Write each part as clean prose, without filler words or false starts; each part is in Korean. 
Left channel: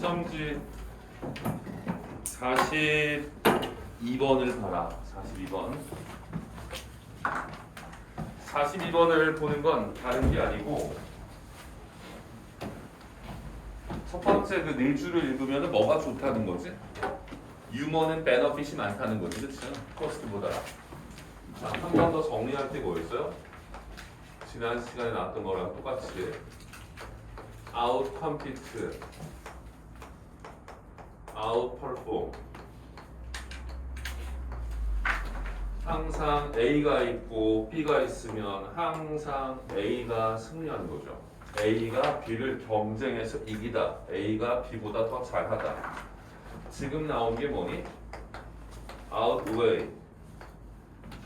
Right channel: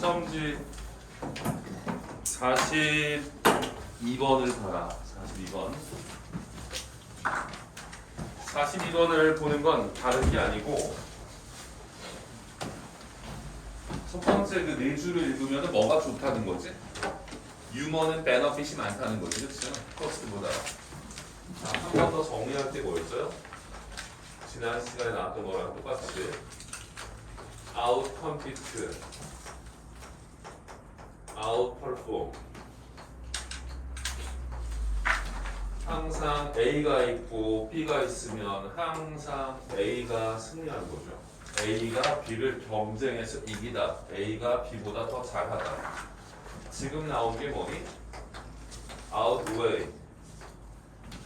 썸지 42번을 봐라. 42번. 42번을 보는 건 다른 게 아니고 첫 번째 그 네 줄을 읽으면 뭐가 좋다는 거지? 유머는 베너핏이 많다는 거지, 그렇죠? 코스트보다. 한 번 더 정리할 때 뭐였어요? 지난 시간에 나왔던 거랑 똑같이 outcompete, outperform. 항상 A가 있고 B가 있으면 항상 A가 승리하는 거죠. A가 B를 경쟁해서 이기다. A가 B보다 더 잘하다. 지금 나온 게 뭐니? outweigh.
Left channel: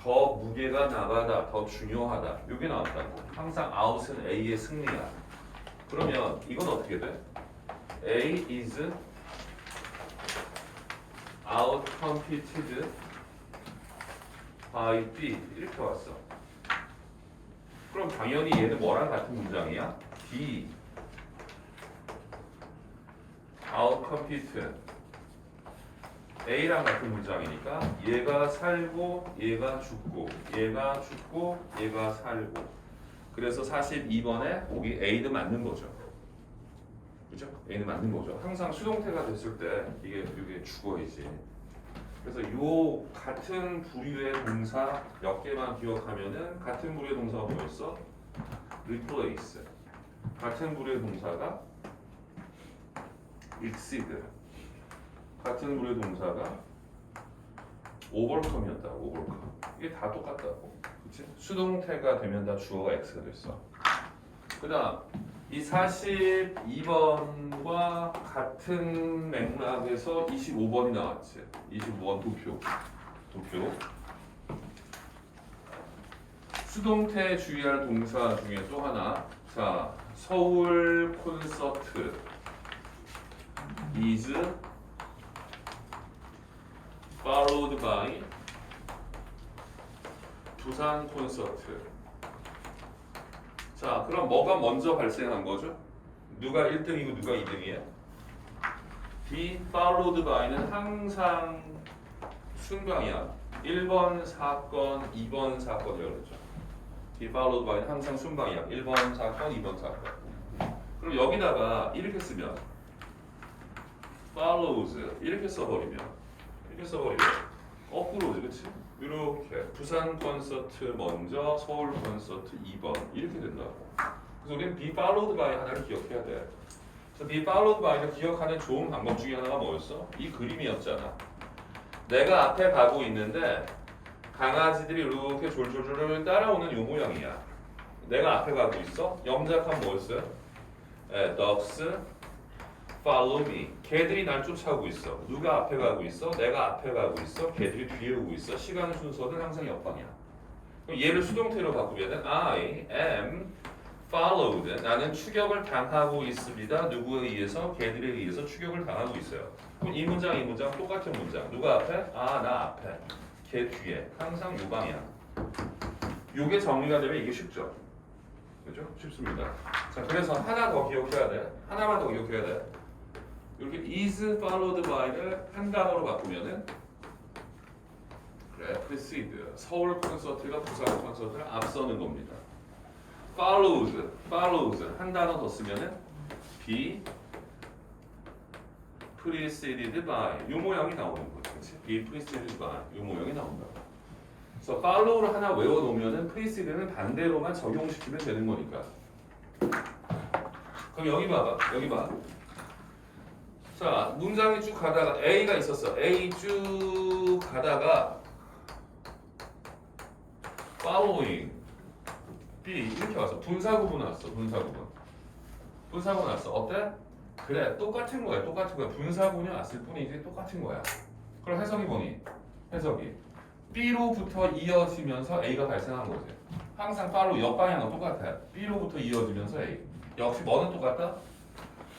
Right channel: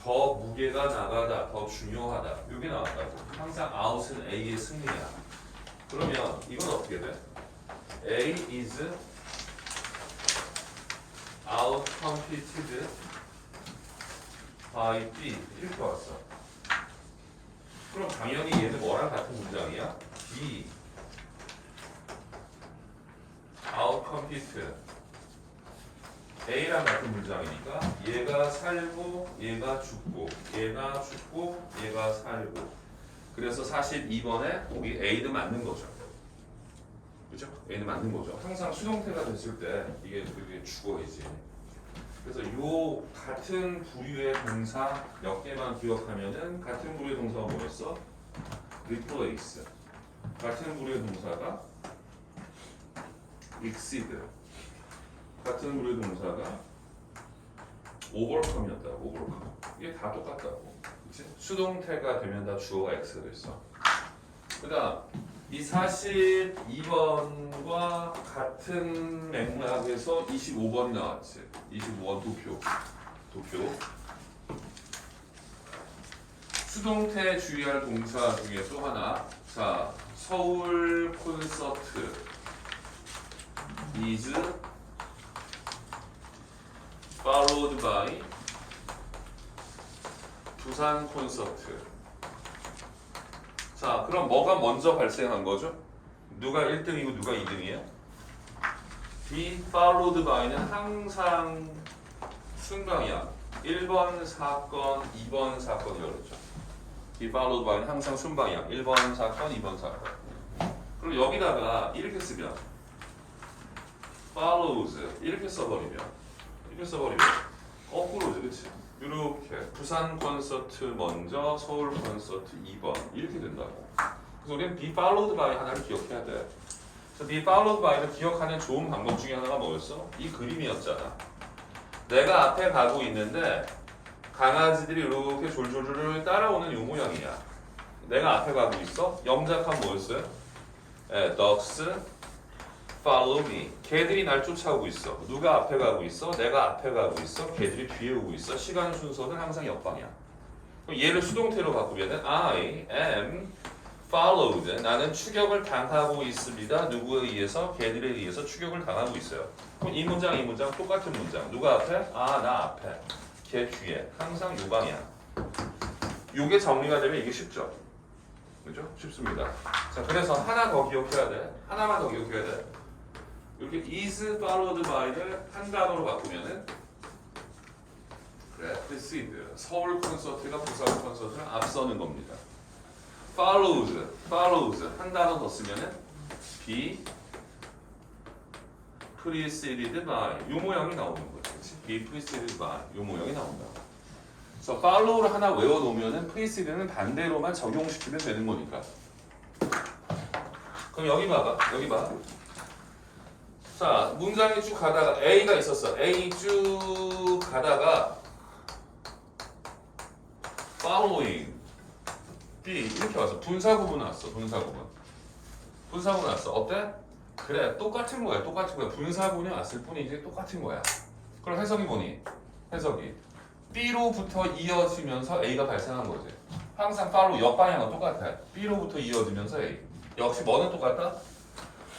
더 무게가 나가다, 더 중요하다. 이게 나왔다고. 항상 out은 A의 승리야. 그러면 이건 어떻게 돼? A is outcompeted by B 이렇게 왔어. 그럼 당연히 얘는 뭐랑 같은 문장이야? B outcompete A랑 같은 문장이니까 얘가 살고 얘가 죽고 얘가 죽고 얘가 살고 그래서 42번에 거기 A도 맞는 거죠. 그죠? A는 맞는 거죠. 항상 수동태가 됐을 때 이게 죽어야지. 그래서 요 같은 부류의 동사 몇 개만 기억하면은 같은 부류의 동사가 뭐였어? replace. 같은 부류의 동사가 exceed. 같은 부류의 동사가 overcome이었다고. overcome. 이게 다 똑같다고. 그치? 수동태가 되면 다 주어가 X가 됐어. 그 다음 이 42번과 같은 맥락에서 25번이 나왔지. 25번 도표. 수동태 주의할 동사 중에 또 하나. 자, 서울 콘서트 is followed by 부산 콘서트. 자, 그럼 뭐가 먼저 발생한 거죠? 누가 1등이고 누가 2등이에요? be followed by는 항상 순방향. 1번 사건, 2번 사건이라고 그랬죠. be followed by는 항상 순방향. 1번 사건, 2번 사건. 그럼 여기다가 이렇게 쓰면 follows 이렇게 써버리면 거꾸로지, 그치? 이렇게 부산 콘서트 먼저, 서울 콘서트 2번 이렇게 된다고. 그래서 우리는 be followed by 하나를 기억해야 돼. 그래서 be followed by를 기억하는 좋은 방법 중에 하나가 뭐였어? 이 그림이었잖아. 내가 앞에 가고 있는데 강아지들이 이렇게 졸졸졸 따라오는 요 모양이야. 내가 앞에 가고 있어. 영작한 뭐였어요? dogs follow me. 걔들이 날 쫓아오고 있어. 누가 앞에 가고 있어? 내가 앞에 가고 있어. 걔들이 뒤에 오고 있어. 시간 순서는 항상 옆방이야. 그럼 얘를 수동태로 바꾸면은 I am followed. 나는 추격을 당하고 있습니다. 누구에 의해서? 걔들에 의해서 추격을 당하고 있어요. 그럼 이 문장 똑같은 문장. 누가 앞에? 아, 나 앞에. 걔 뒤에. 항상 요 방향. 요게 정리가 되면 이게 쉽죠? 그죠? 쉽습니다. 자, 그래서 하나 더 기억해야 돼. 하나만 더 기억해야 돼. 이렇게 is followed by를 한 단어로 바꾸면은 그래, precede. 서울 콘서트가 부산 콘서트를 앞서는 겁니다. follows 한 단어 더 쓰면은 be preceded by 요 모양이 나오는 거죠. be preceded by 요 모양이 나온다. 그래서 follow를 하나 외워놓으면은 preced는 반대로만 적용시키면 되는 거니까. 그럼 여기 봐봐. 여기 봐. 자, 문장이 쭉 가다가 A가 있었어. A 쭉 가다가 following B 이렇게 왔어. 분사구문 왔어. 분사구문 왔어. 어때? 그래, 똑같은 거야. 분사구문이 왔을 뿐이지 똑같은 거야. 그럼 해석이 뭐니? 해석이 B로부터 이어지면서 A가 발생한 거지. 항상 follow 옆방향은 똑같아. B로부터 이어지면서 A. 역시 뭐는 똑같다?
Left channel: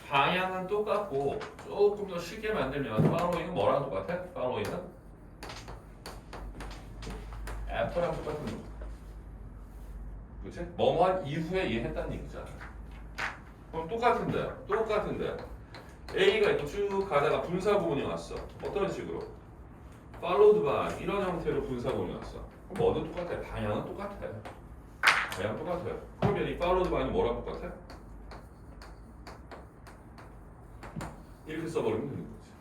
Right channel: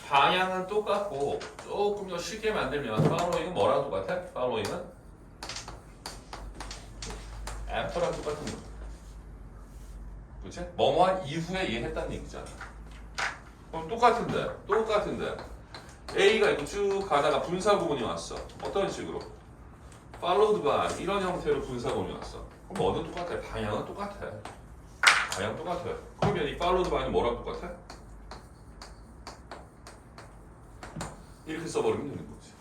방향은 똑같고 조금 더 쉽게 만들면 following은 뭐랑 똑같아? following은 after랑 똑같은 거. 그렇지? 뭐뭐한 이후에 이해했다는 얘기잖아. 그럼 똑같은데 A가 이렇게 쭉 가다가 분사 구문이 왔어. 어떤 식으로? followed by 이런 형태로 분사 구문이 왔어. 그럼 뭐든 똑같아. 방향은 똑같아. 방향 똑같아. 그러면 이 followed by는 뭐랑 똑같아? 이렇게 써버리면 되는 거지.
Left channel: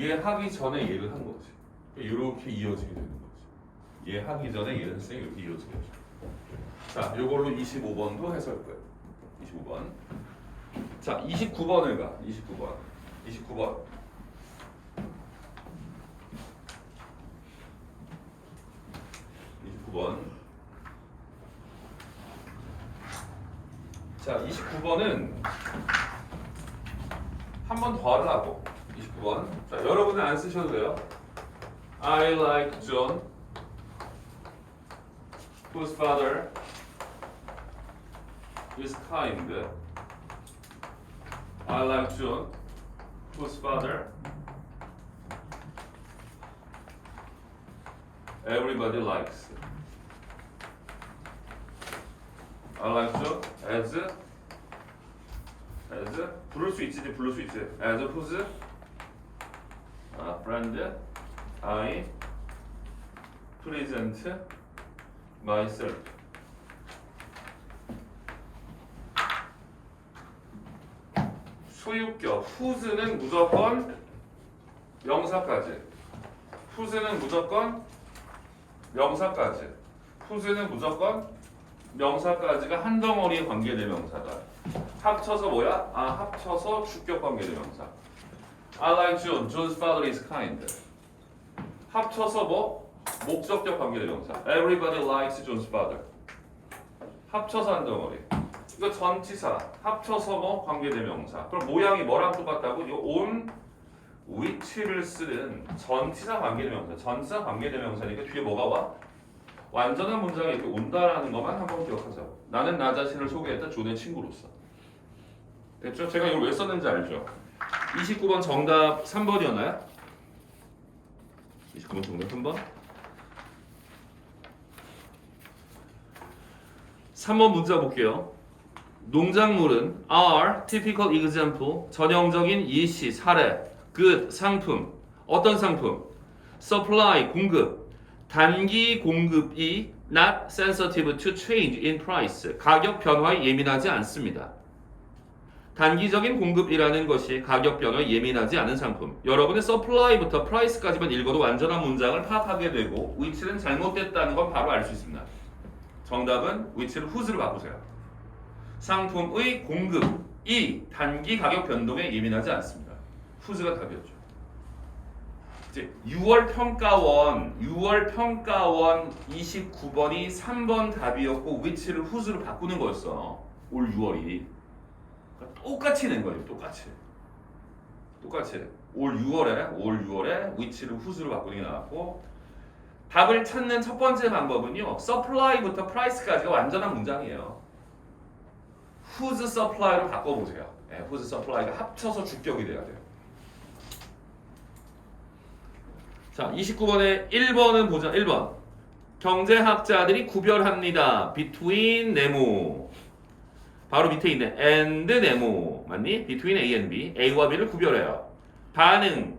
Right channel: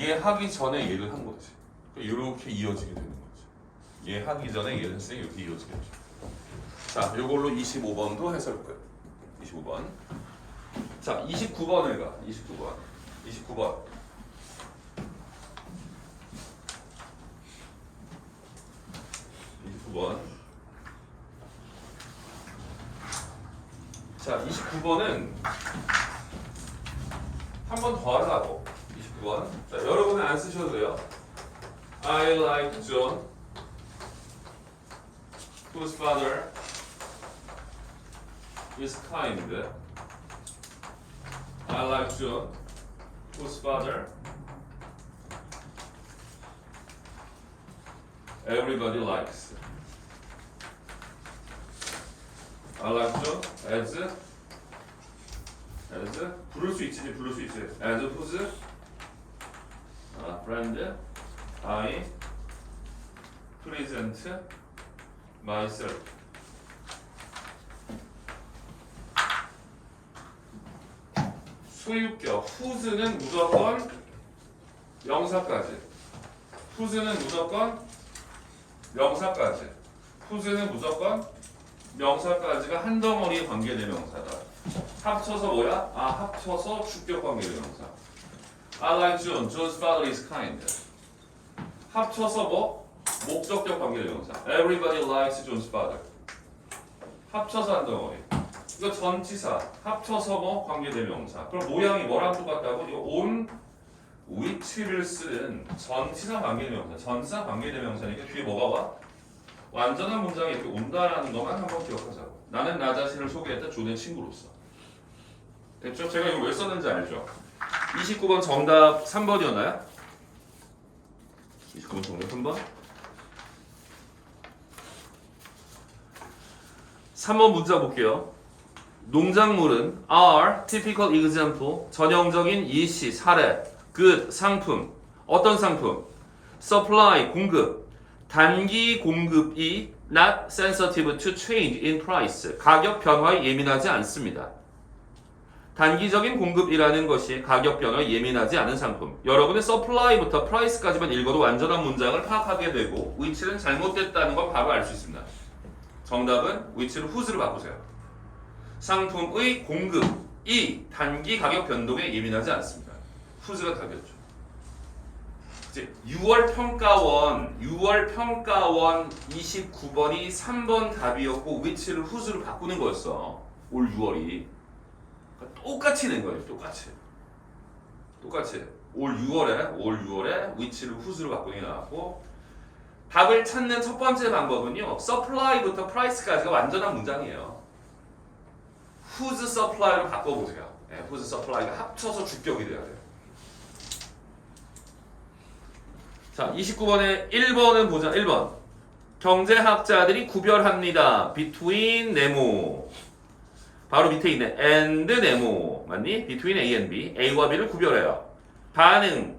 얘 하기 전에 얘를 한 거지. 또 이렇게 이어지게 되는 거지. 얘 하기 전에 얘를 했으니 이렇게 이어지게 되죠. 자, 이걸로 25번도 해설 끝. 25번. 자, 29번을 가. 29번. 29번. 자, 29번은 한 번 더 하려고. 29번. 자, 여러분은 안 쓰셔도 돼요. I like John, whose father is kind. I like John, whose father everybody likes. I like John as 부를 수 있지, 부를 수 있지. As whose friend I present myself. 소유격 whose는 무조건 명사까지. whose는 무조건 명사까지. whose는 무조건 명사까지가 한 덩어리의 관계대명사다. 합쳐서 뭐야? 합쳐서 주격 관계대명사. I like John. John's father is kind. 합쳐서 뭐? 목적격 관계대명사. Everybody likes John's father. 합쳐서 한 덩어리. 이거 전치사. 합쳐서 뭐? 관계대명사. 그럼 모양이 뭐랑 똑같다고? 이거 on which를 쓰는 전치사 관계대명사. 전치사 관계대명사니까 뒤에 뭐가 와? 완전한 문장이 이렇게 온다라는 것만 한번 기억하자고. 나는 나 자신을 소개했다. 존의 친구로서. 됐죠? 제가 이걸 왜 썼는지 알죠? 29번 정답 3번이었나요? 29번 정답 3번? 3번 문자 볼게요. 농작물은 are typical example 전형적인 예시 사례 good 상품 어떤 상품 supply 공급 단기 공급이 not sensitive to change in price 가격 변화에 예민하지 않습니다. 단기적인 공급이라는 것이 가격 변화에 예민하지 않은 상품. 여러분은 supply부터 price까지만 읽어도 완전한 문장을 파악하게 되고 which는 잘못됐다는 건 바로 알 수 있습니다. 정답은 which를 whose로 바꾸세요. 상품의 공급이 단기 가격 변동에 예민하지 않습니다. whose가 답이었죠. 이제 6월 평가원 29번이 3번 답이었고 which를 whose로 바꾸는 거였어. 올 6월이. 똑같이 낸 거죠. 똑같이 올 6월에 which를 whose로 바꾸는 게 나왔고 답을 찾는 첫 번째 방법은요. supply부터 price까지가 완전한 문장이에요. whose supply로 바꿔보세요. whose supply가 합쳐서 주격이 돼야 돼요. 자, 29번에 1번은 보자. 1번. 경제학자들이 구별합니다. between 네모. 바로 밑에 있네. and 네모. 맞니? between A and B. A와 B를 구별해요. 반응.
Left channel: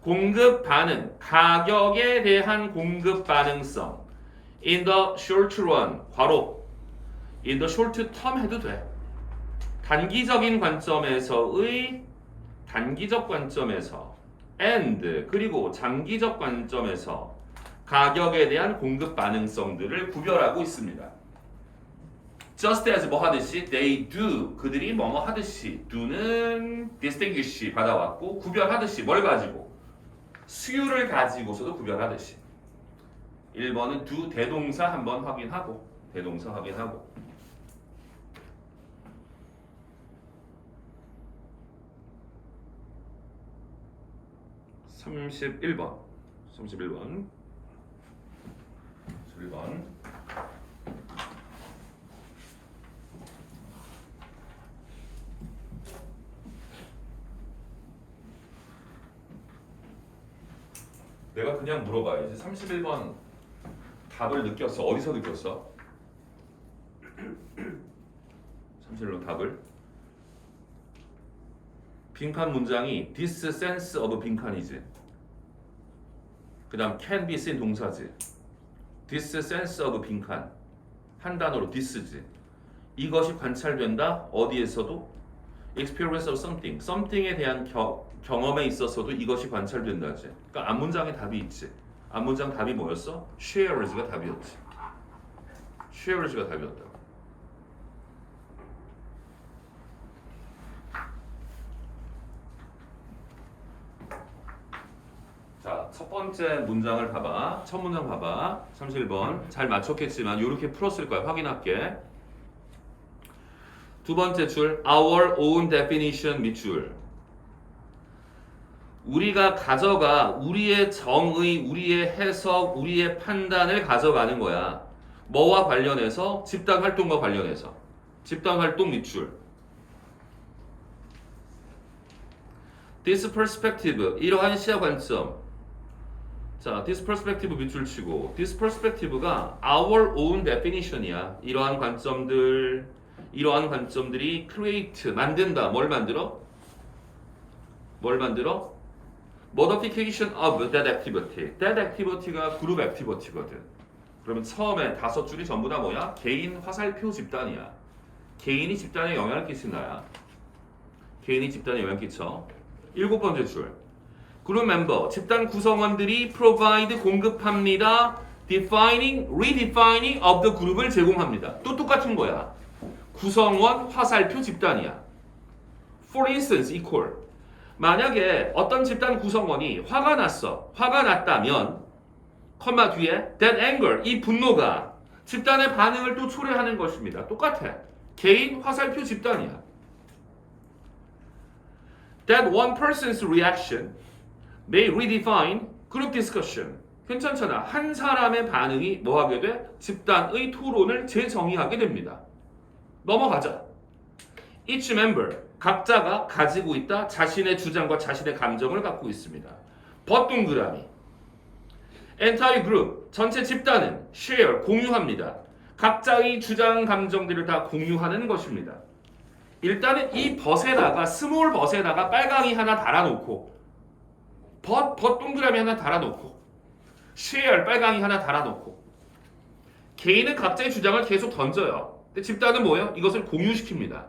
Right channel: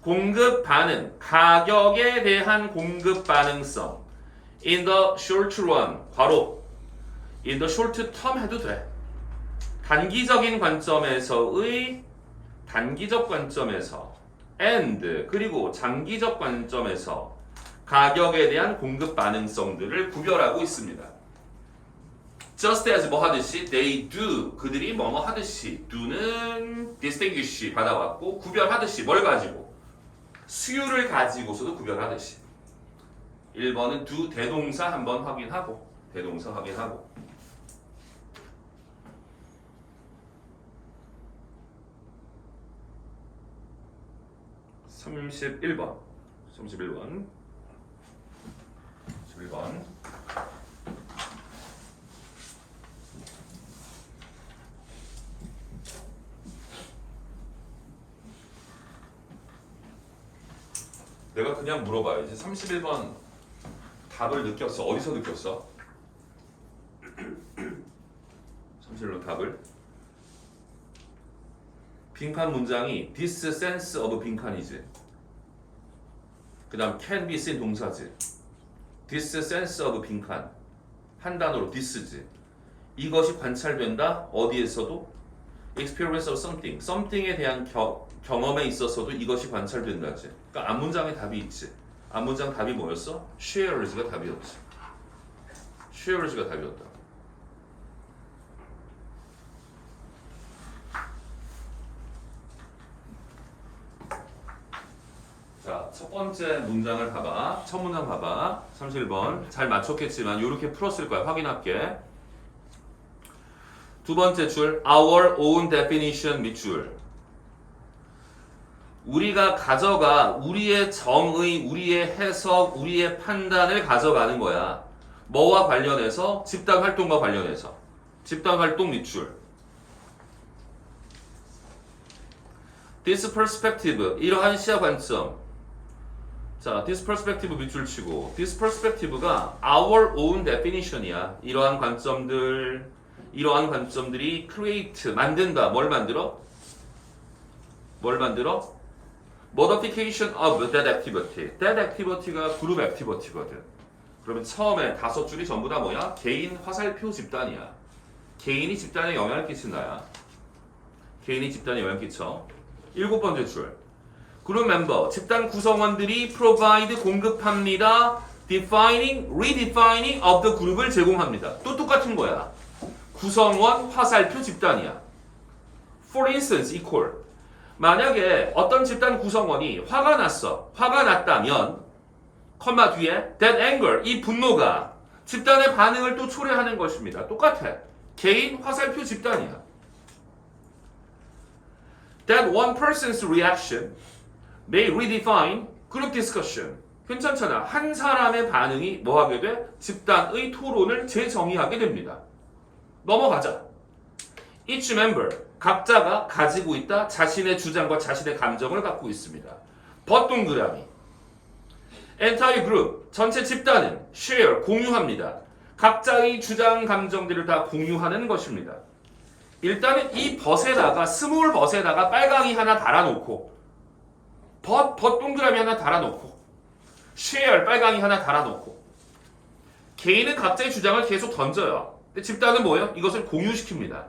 공급 반응. 가격에 대한 공급 반응성. in the short run. 괄호. in the short term 해도 돼. 단기적 관점에서 and 그리고 장기적 관점에서 가격에 대한 공급 반응성들을 구별하고 있습니다. just as 뭐 하듯이 they do 그들이 뭐뭐 하듯이 do는 distinguish 받아왔고 구별하듯이 뭘 가지고 수요를 가지고서도 구별하듯이 1번은 do 대동사 한번 확인하고 31번 내가 그냥 물어봐야지. 31번 답을 느꼈어. 어디서 느꼈어? 31번 답을 빈칸 문장이 this sense of 빈칸이지. 그 다음 can be seen 동사지. this sense of 빈칸 한 단어로 this지. 이것이 관찰된다. 어디에서도 experience of something, something에 대한 경험에 있어서도 이것이 관찰된다지. 그러니까 앞문장에 답이 있지. 앞문장 답이 뭐였어? shares가 답이었지. shares가 답이었다. 자, 첫 번째 문장을 봐봐. 첫 문장 봐봐. 31번. 잘 맞췄겠지만 이렇게 풀었을 거야. 확인할게. 두 번째 줄 our own definition 밑줄. 우리가 가져가 우리의 정의, 우리의 해석, 우리의 판단을 가져가는 거야. 뭐와 관련해서? 집단 활동과 관련해서. 집단 활동 밑줄. This perspective, 이러한 시야 관점. 자, this perspective 밑줄 치고 this perspective가 our own definition이야. 이러한 관점들이 create, 만든다. 뭘 만들어? 뭘 만들어? modification of that activity. that activity가 그룹 activity거든. 그러면 처음에 5줄이 전부 다 뭐야? 개인 화살표 집단이야. 개인이 집단에 영향을 끼친다야. 개인이 집단에 영향을 끼쳐. 7번째 줄. 그룹 멤버, 집단 구성원들이 provide 공급합니다. defining, redefining of the group을 제공합니다. 또 똑같은 거야. 구성원, 화살표 집단이야. For instance, equal. 만약에 어떤 집단 구성원이 화가 났어. 화가 났다면, 컴마 뒤에 that anger, 이 분노가 집단의 반응을 또 초래하는 것입니다. 똑같아. 개인, 화살표 집단이야. That one person's reaction may redefine group discussion. 괜찮잖아. 한 사람의 반응이 뭐 하게 돼? 집단의 토론을 재정의하게 됩니다. 넘어가자. Each member, 각자가 가지고 있다. 자신의 주장과 자신의 감정을 갖고 있습니다. but 동그라미. entire group, 전체 집단은 share, 공유합니다. 각자의 주장, 감정들을 다 공유하는 것입니다. 일단은 이 벗에다가 스몰 벗에다가 빨강이 하나 달아놓고 벗 동그라미 하나 달아놓고 share 빨강이 하나 달아놓고 개인은 각자의 주장을 계속 던져요. 근데 집단은 뭐예요? 이것을 공유시킵니다.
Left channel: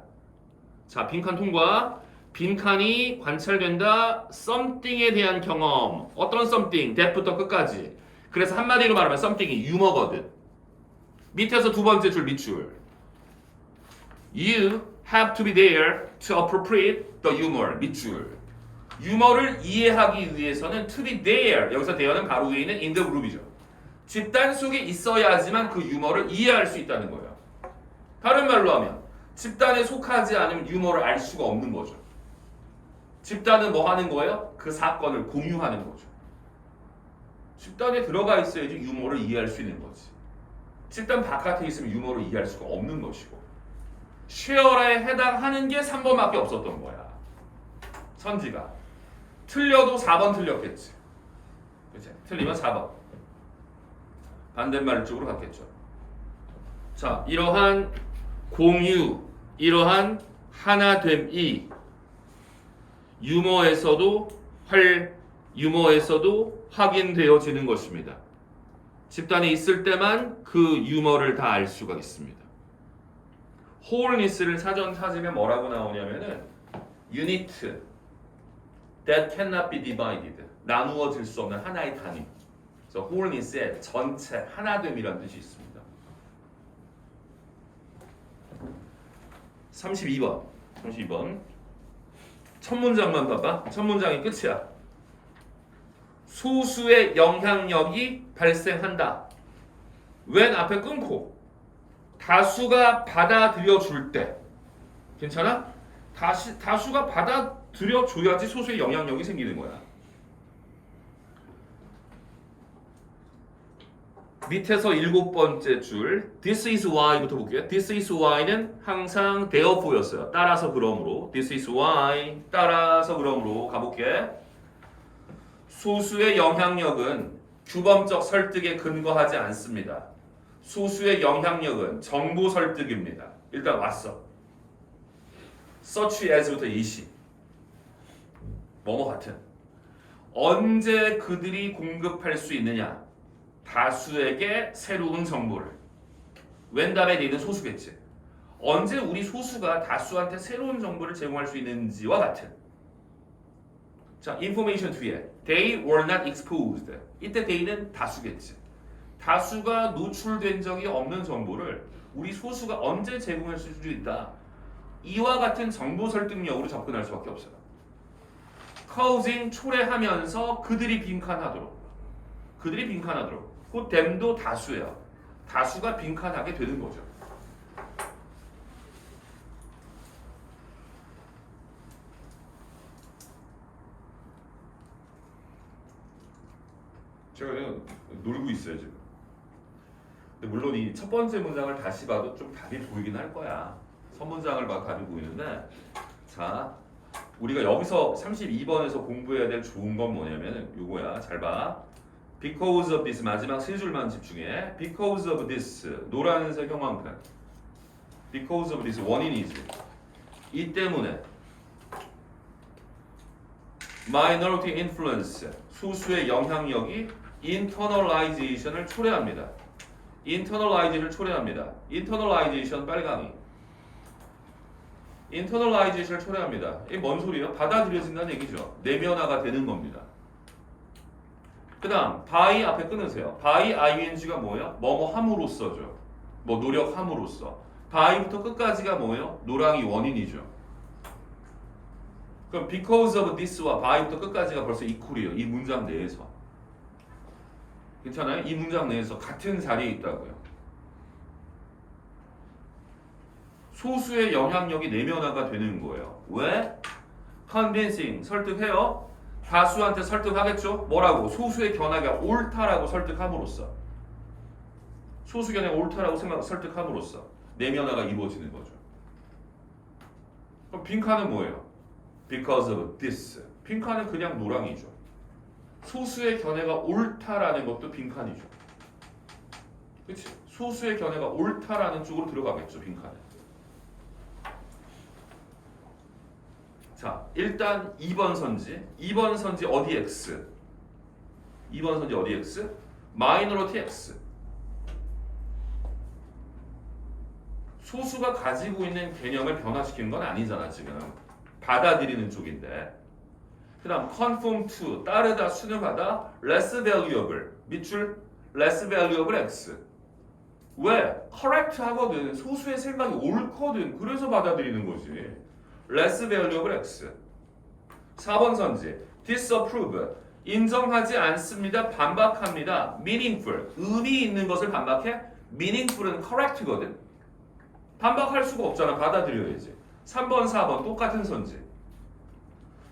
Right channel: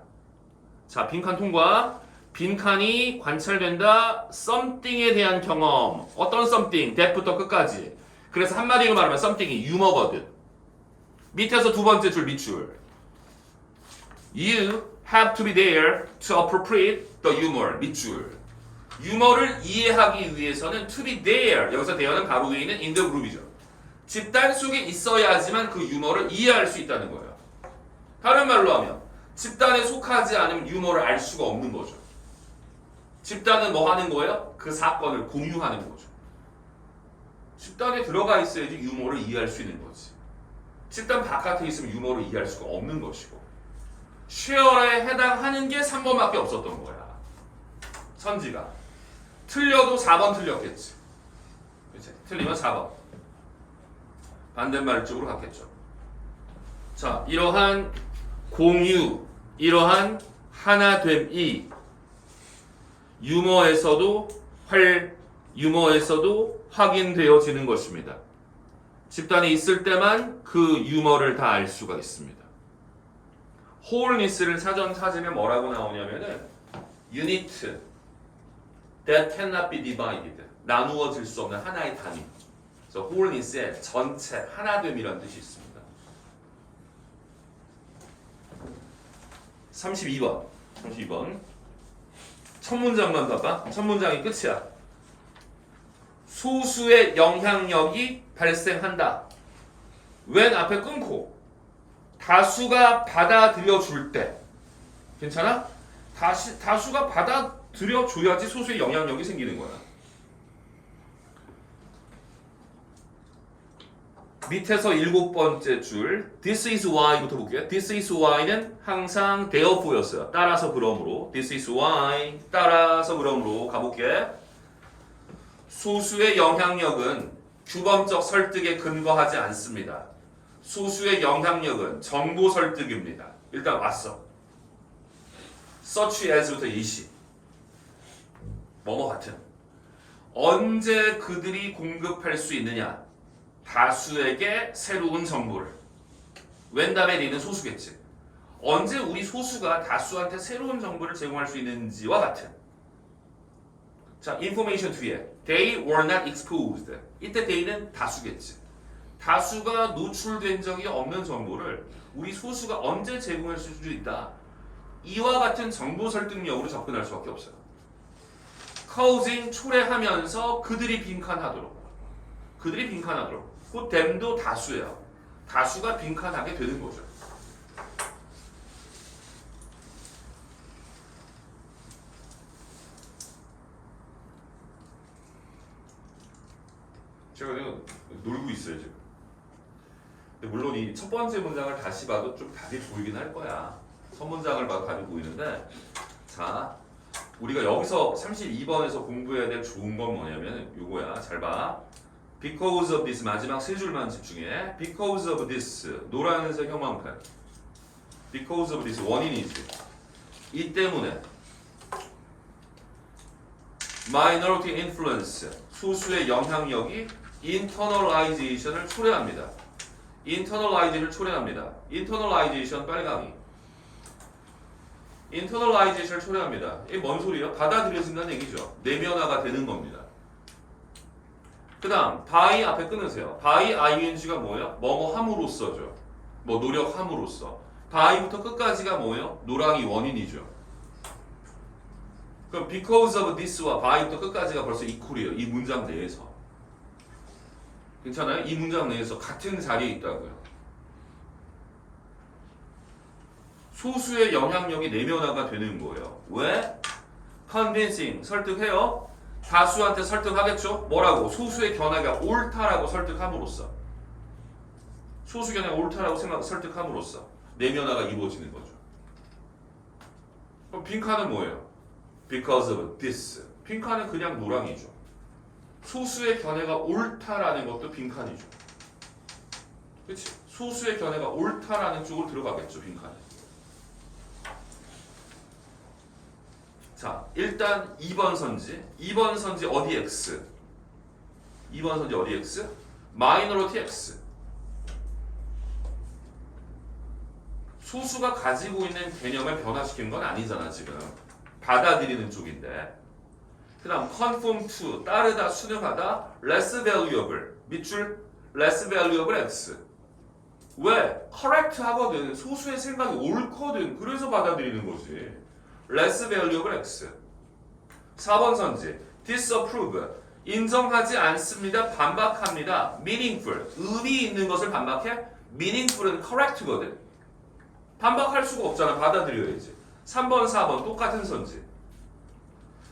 자, 빈칸 통과. 빈칸이 관찰된다. something에 대한 경험. 어떤 something? that부터 끝까지. 그래서 한마디로 말하면 something이 유머거든. 밑에서 두 번째 줄 밑줄. You have to be there to appropriate the humor. 밑줄. 유머를 이해하기 위해서는 to be there. 여기서 there는 바로 위에 있는 in the group이죠. 집단 속에 있어야지만 그 유머를 이해할 수 있다는 거예요. 다른 말로 하면 집단에 속하지 않으면 유머를 알 수가 없는 거죠. 집단은 뭐 하는 거예요? 그 사건을 공유하는 거죠. 집단에 들어가 있어야지 유머를 이해할 수 있는 거지. 집단 바깥에 있으면 유머를 이해할 수가 없는 것이고. 쉐어에 해당하는 게 3번밖에 없었던 거야. 선지가. 틀려도 4번 틀렸겠지. 그치? 틀리면 4번. 반대말 쪽으로 갔겠죠. 자, 이러한 공유, 이러한 하나됨이 유머에서도 확인되어지는 것입니다. 집단에 있을 때만 그 유머를 다 알 수가 있습니다. wholeness를 사전 찾으면 뭐라고 나오냐면은 unit that cannot be divided. 나누어질 수 없는 하나의 단위. 그래서 wholeness의 전체, 하나됨이라는 뜻이 있습니다. 32번. 첫 문장만 봐봐. 첫 문장이 끝이야. 소수의 영향력이 발생한다. when 앞에 끊고 다수가 받아들여 줄 때. 괜찮아? 다수가 받아들여 줘야지 소수의 영향력이 생기는 거야. 밑에서 7번째 줄 This is why부터 볼게요. This is why는 항상 therefore였어요. 따라서 그러므로 This is why 따라서 그러므로 가볼게. 소수의 영향력은 규범적 설득에 근거하지 않습니다. 소수의 영향력은 정보 설득입니다. 일단 왔어. such as부터 예시. 뭐뭐 같은. 언제 그들이 공급할 수 있느냐? 다수에게 새로운 정보를. 웬 다음에 얘는 소수겠지. 언제 우리 소수가 다수한테 새로운 정보를 제공할 수 있는지와 같은. 자, information 뒤에 they were not exposed. 이때 they는 다수겠지. 다수가 노출된 적이 없는 정보를 우리 소수가 언제 제공할 수 있다. 이와 같은 정보 설득력으로 접근할 수밖에 없어요. causing 초래하면서 그들이 빈칸하도록. 그들이 빈칸하도록. 그 them도 다수예요. 다수가 빈칸하게 되는 거죠. 제가 그냥 놀고 있어요 지금. 근데 물론 이 첫 번째 문장을 다시 봐도 좀 답이 보이긴 할 거야. 첫 문장을 봐도 답이 보이는데, 자, 우리가 여기서 32번에서 공부해야 될 좋은 건 뭐냐면 요거야. 잘 봐. Because of this 마지막 세 줄만 집중해. Because of this 노란색 형광펜. Because of this 원인이지. 이 때문에 minority influence 소수의 영향력이 internalization을 초래합니다. internalization을 초래합니다. internalization 빨강이. internalization을 초래합니다. 이게 뭔 소리예요? 받아들여진다는 얘기죠. 내면화가 되는 겁니다. 그 다음 by 앞에 끊으세요. by ing가 뭐예요? 뭐뭐 함으로써죠. 뭐 노력함으로써. by부터 끝까지가 뭐예요? 노랑이 원인이죠. 그럼 because of this와 by부터 끝까지가 벌써 equal이에요. 이 문장 내에서. 괜찮아요? 이 문장 내에서 같은 자리에 있다고요. 소수의 영향력이 내면화가 되는 거예요. 왜? convincing 설득해요. 다수한테 설득하겠죠? 뭐라고? 소수의 견해가 옳다라고 설득함으로써. 소수 견해가 옳다라고 설득함으로써 내면화가 이루어지는 거죠. 그럼 빈칸은 뭐예요? Because of this. 빈칸은 그냥 노랑이죠. 소수의 견해가 옳다라는 것도 빈칸이죠. 그렇지? 소수의 견해가 옳다라는 쪽으로 들어가겠죠, 빈칸에. 자, 일단 2번 선지. 2번 선지 어디 X? 2번 선지 어디 X? 마이너리티 X. 소수가 가지고 있는 개념을 변화시킨 건 아니잖아, 지금. 받아들이는 쪽인데. 그 다음 conform to 따르다 순응하다 less valuable 밑줄 less valuable x. 왜? correct 하거든. 소수의 생각이 옳거든. 그래서 받아들이는 거지. less valuable x. 4번 선지 disapprove 인정하지 않습니다. 반박합니다. meaningful 의미 있는 것을 반박해. meaningful은 correct거든. 반박할 수가 없잖아. 받아들여야지. 3번 4번 똑같은 선지.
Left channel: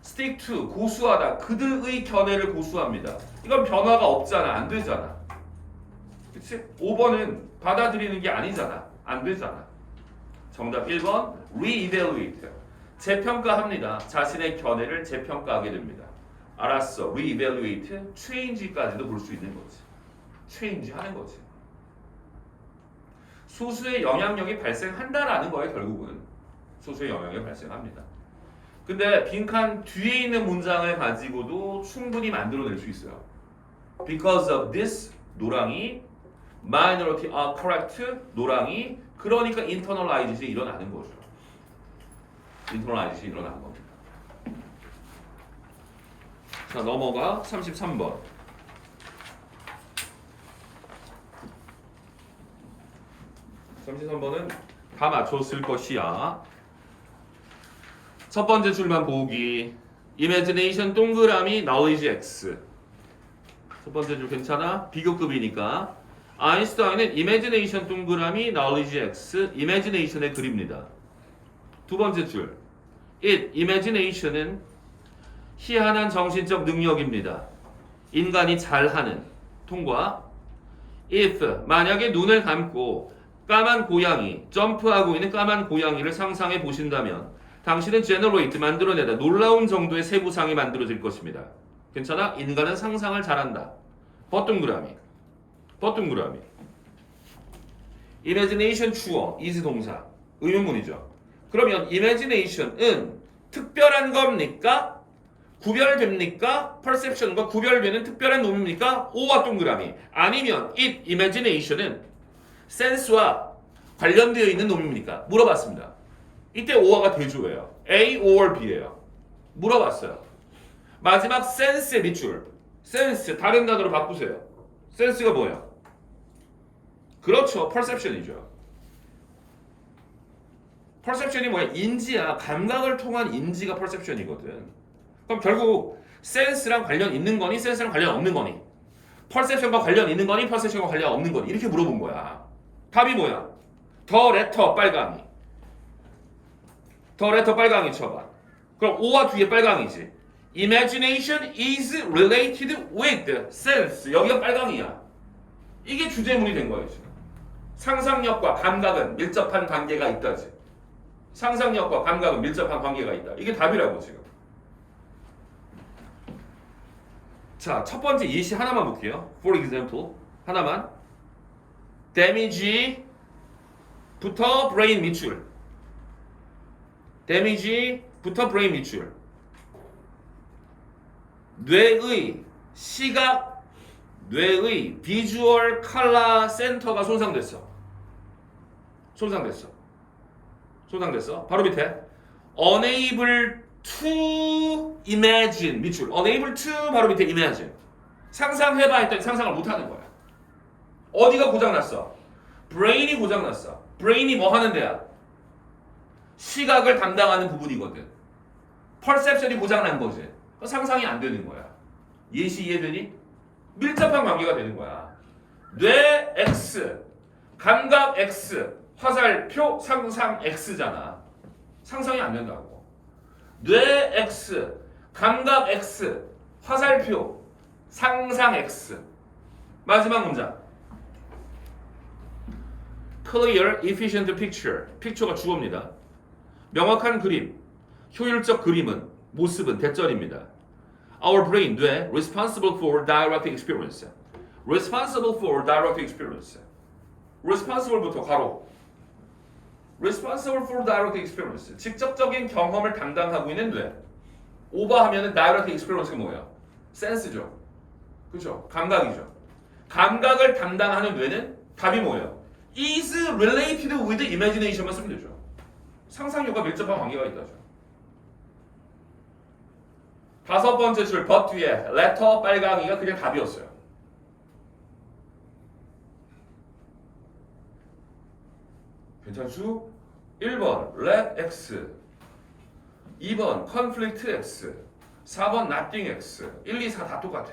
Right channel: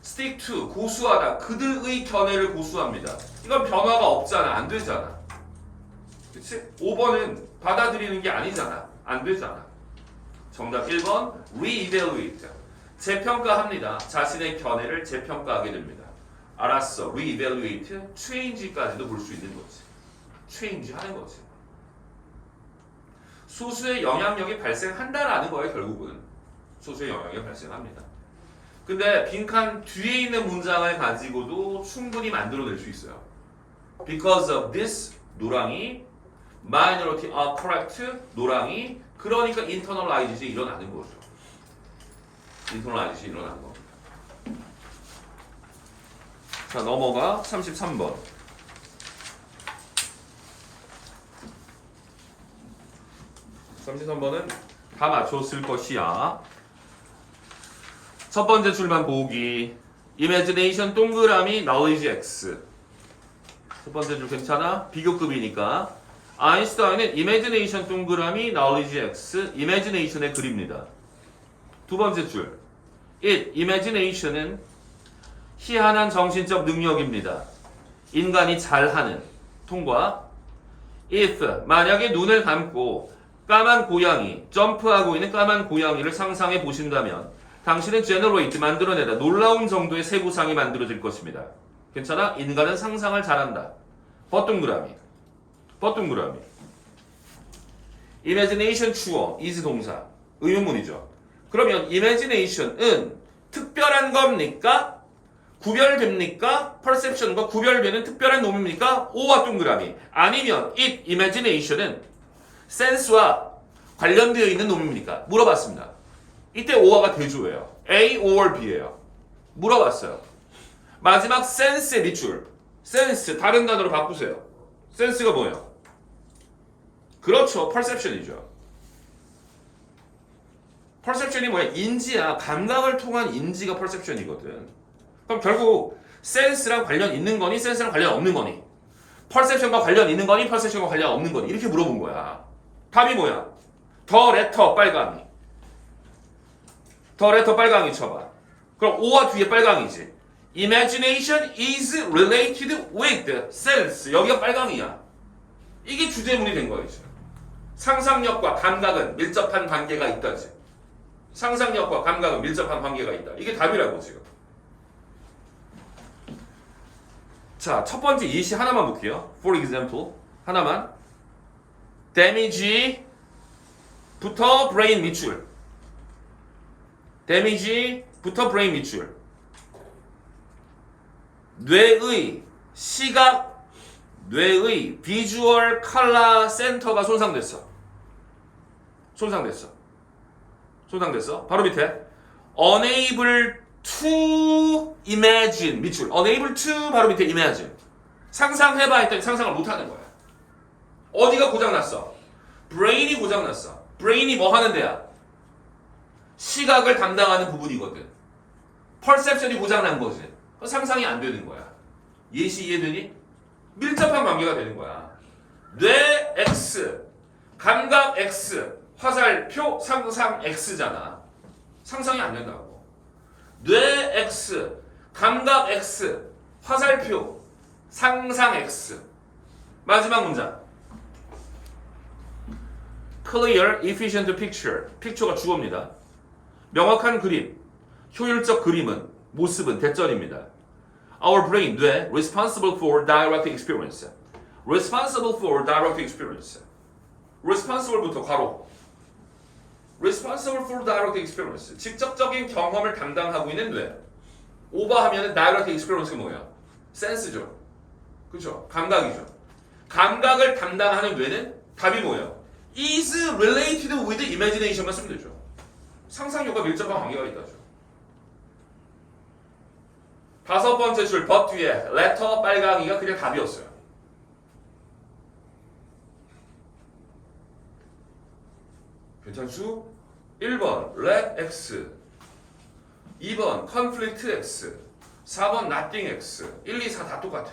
stick to 고수하다 그들의 견해를 고수합니다. 이건 변화가 없잖아. 안 되잖아. 그치? 5번은 받아들이는 게 아니잖아. 안 되잖아. 정답 1번 re-evaluate 재평가합니다. 자신의 견해를 재평가하게 됩니다. 알았어. re-evaluate change까지도 볼 수 있는 거지. change 하는 거지. 소수의 영향력이 발생한다라는 거예요. 결국은 소수의 영향력이 발생합니다. 근데 빈칸 뒤에 있는 문장을 가지고도 충분히 만들어낼 수 있어요. Because of this 노랑이 minority are correct 노랑이 그러니까 internalization이 일어나는 거죠. internalization이 일어나는 겁니다. 자, 넘어가 33번. 33번은 다 맞췄을 것이야. 첫 번째 줄만 보기. imagination 동그라미 knowledge x. 첫 번째 줄 괜찮아? 비교급이니까. 아인슈타인은 imagination 동그라미 knowledge x. imagination의 글입니다. 두 번째 줄. imagination은 희한한 정신적 능력입니다. 인간이 잘하는. 통과. if 만약에 눈을 감고 까만 고양이, 점프하고 있는 까만 고양이를 상상해 보신다면 당신은 generate 만들어내다 놀라운 정도의 세부상이 만들어질 것입니다. 괜찮아? 인간은 상상을 잘한다. 버둥그라미. 버둥그라미. imagination 주어, is 동사. 의문문이죠. 그러면 imagination은 특별한 겁니까? 구별됩니까? perception과 구별되는 특별한 놈입니까? O와 동그라미. 아니면 it, imagination은 sense와 관련되어 있는 놈입니까? 물어봤습니다. 이때 O와가 대조예요. A or B예요. 물어봤어요. 마지막 sense의 밑줄. sense 다른 단어로 바꾸세요. sense가 뭐예요? 그렇죠. perception이죠. perception이 뭐야? 인지야. 감각을 통한 인지가 perception이거든. 그럼 결국 sense랑 관련 있는 거니 sense랑 관련 없는 거니 perception과 관련 있는 거니 perception과 관련 없는 거니 이렇게 물어본 거야. 답이 뭐야? 더 레터 빨강이. 더 레터 빨강이 쳐봐. 그럼 O와 뒤에 빨강이지. Imagination is related with sense. 여기가 빨강이야. 이게 주제문이 된 거예요. 지금. 상상력과 감각은 밀접한 관계가 있다지. 상상력과 감각은 밀접한 관계가 있다. 이게 답이라고 지금. 자, 첫 번째 예시 하나만 볼게요. For example, 하나만. damage부터 brain 밑줄. damage부터 brain 밑줄. 뇌의 시각, 뇌의 비주얼 컬러 센터가 손상됐어. 바로 밑에 unable to imagine 밑줄. unable to 바로 밑에 imagine. 상상해봐 했더니 상상을 못하는 거야. 어디가 고장났어? brain이 고장났어. brain이 뭐 하는 데야? 시각을 담당하는 부분이거든. perception이 고장난 거지. 상상이 안 되는 거야. 예시 이해되니? 밀접한 관계가 되는 거야. 뇌 X, 감각 X, 화살표 상상 X잖아. 상상이 안 된다고. 뇌 X, 감각 X, 화살표 상상 X. 마지막 문장. Clear, efficient picture. picture가 주어입니다. 명확한 그림, 효율적 그림은, 모습은 대절입니다. Our brain, 뇌, responsible for direct experience. responsible for direct experience. responsible부터 괄호. responsible for direct experience. 직접적인 경험을 담당하고 있는 뇌. 오버하면은 direct experience가 뭐야? 센스죠. 그렇죠? 감각이죠. 감각을 담당하는 뇌는 답이 뭐예요? is related with imagination만 쓰면 되죠. 상상력과 밀접한 관계가 있다죠. 다섯 번째 줄 but 뒤에 letter 빨강이가 그냥 답이었어요. 괜찮수? 1번 let x 2번 conflict x 4번 nothing x 1, 2, 4 다 똑같아.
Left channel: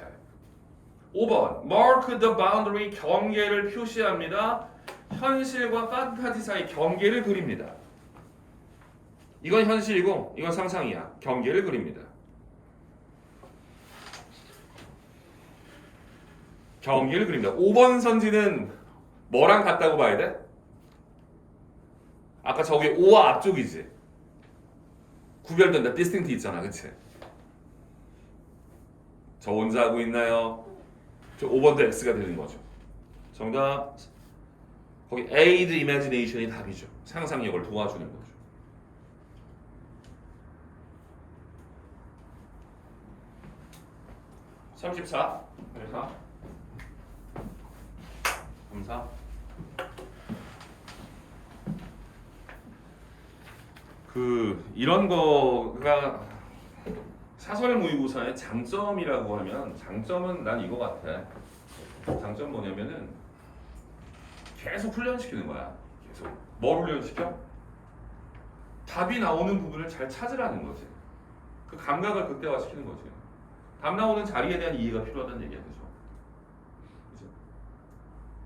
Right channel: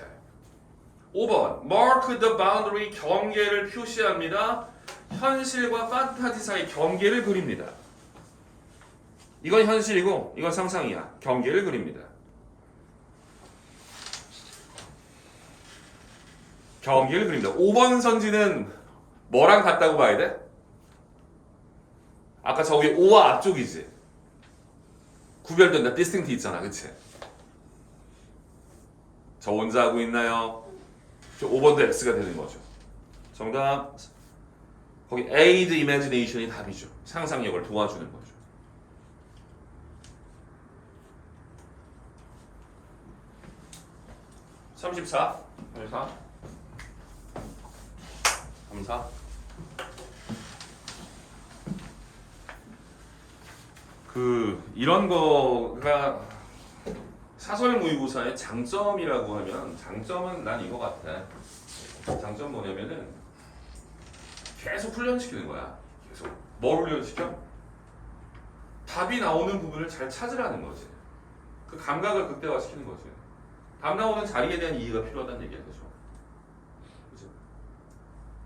5번 mark the boundary 경계를 표시합니다. 현실과 판타지 사이 경계를 그립니다. 이건 현실이고 이건 상상이야. 경계를 그립니다. 경계를 그립니다. 5번 선지는 뭐랑 같다고 봐야 돼? 아까 저기 O와 앞쪽이지. 구별된다. distinct 있잖아. 그치? 저 혼자 하고 있나요? 저 5번도 X가 되는 거죠. 정답. 거기 aid imagination이 답이죠. 상상력을 도와주는 거죠. (34) 34 이런 거가 사설 모의고사의 장점이라고 하면 장점은 난 이거 같아. 장점 뭐냐면은 계속 훈련시키는 거야. 계속 뭘 훈련시켜? 답이 나오는 부분을 잘 찾으라는 거지. 그 감각을 극대화시키는 거지. 답 나오는 자리에 대한 이해가 필요하다는 얘기야. 그죠?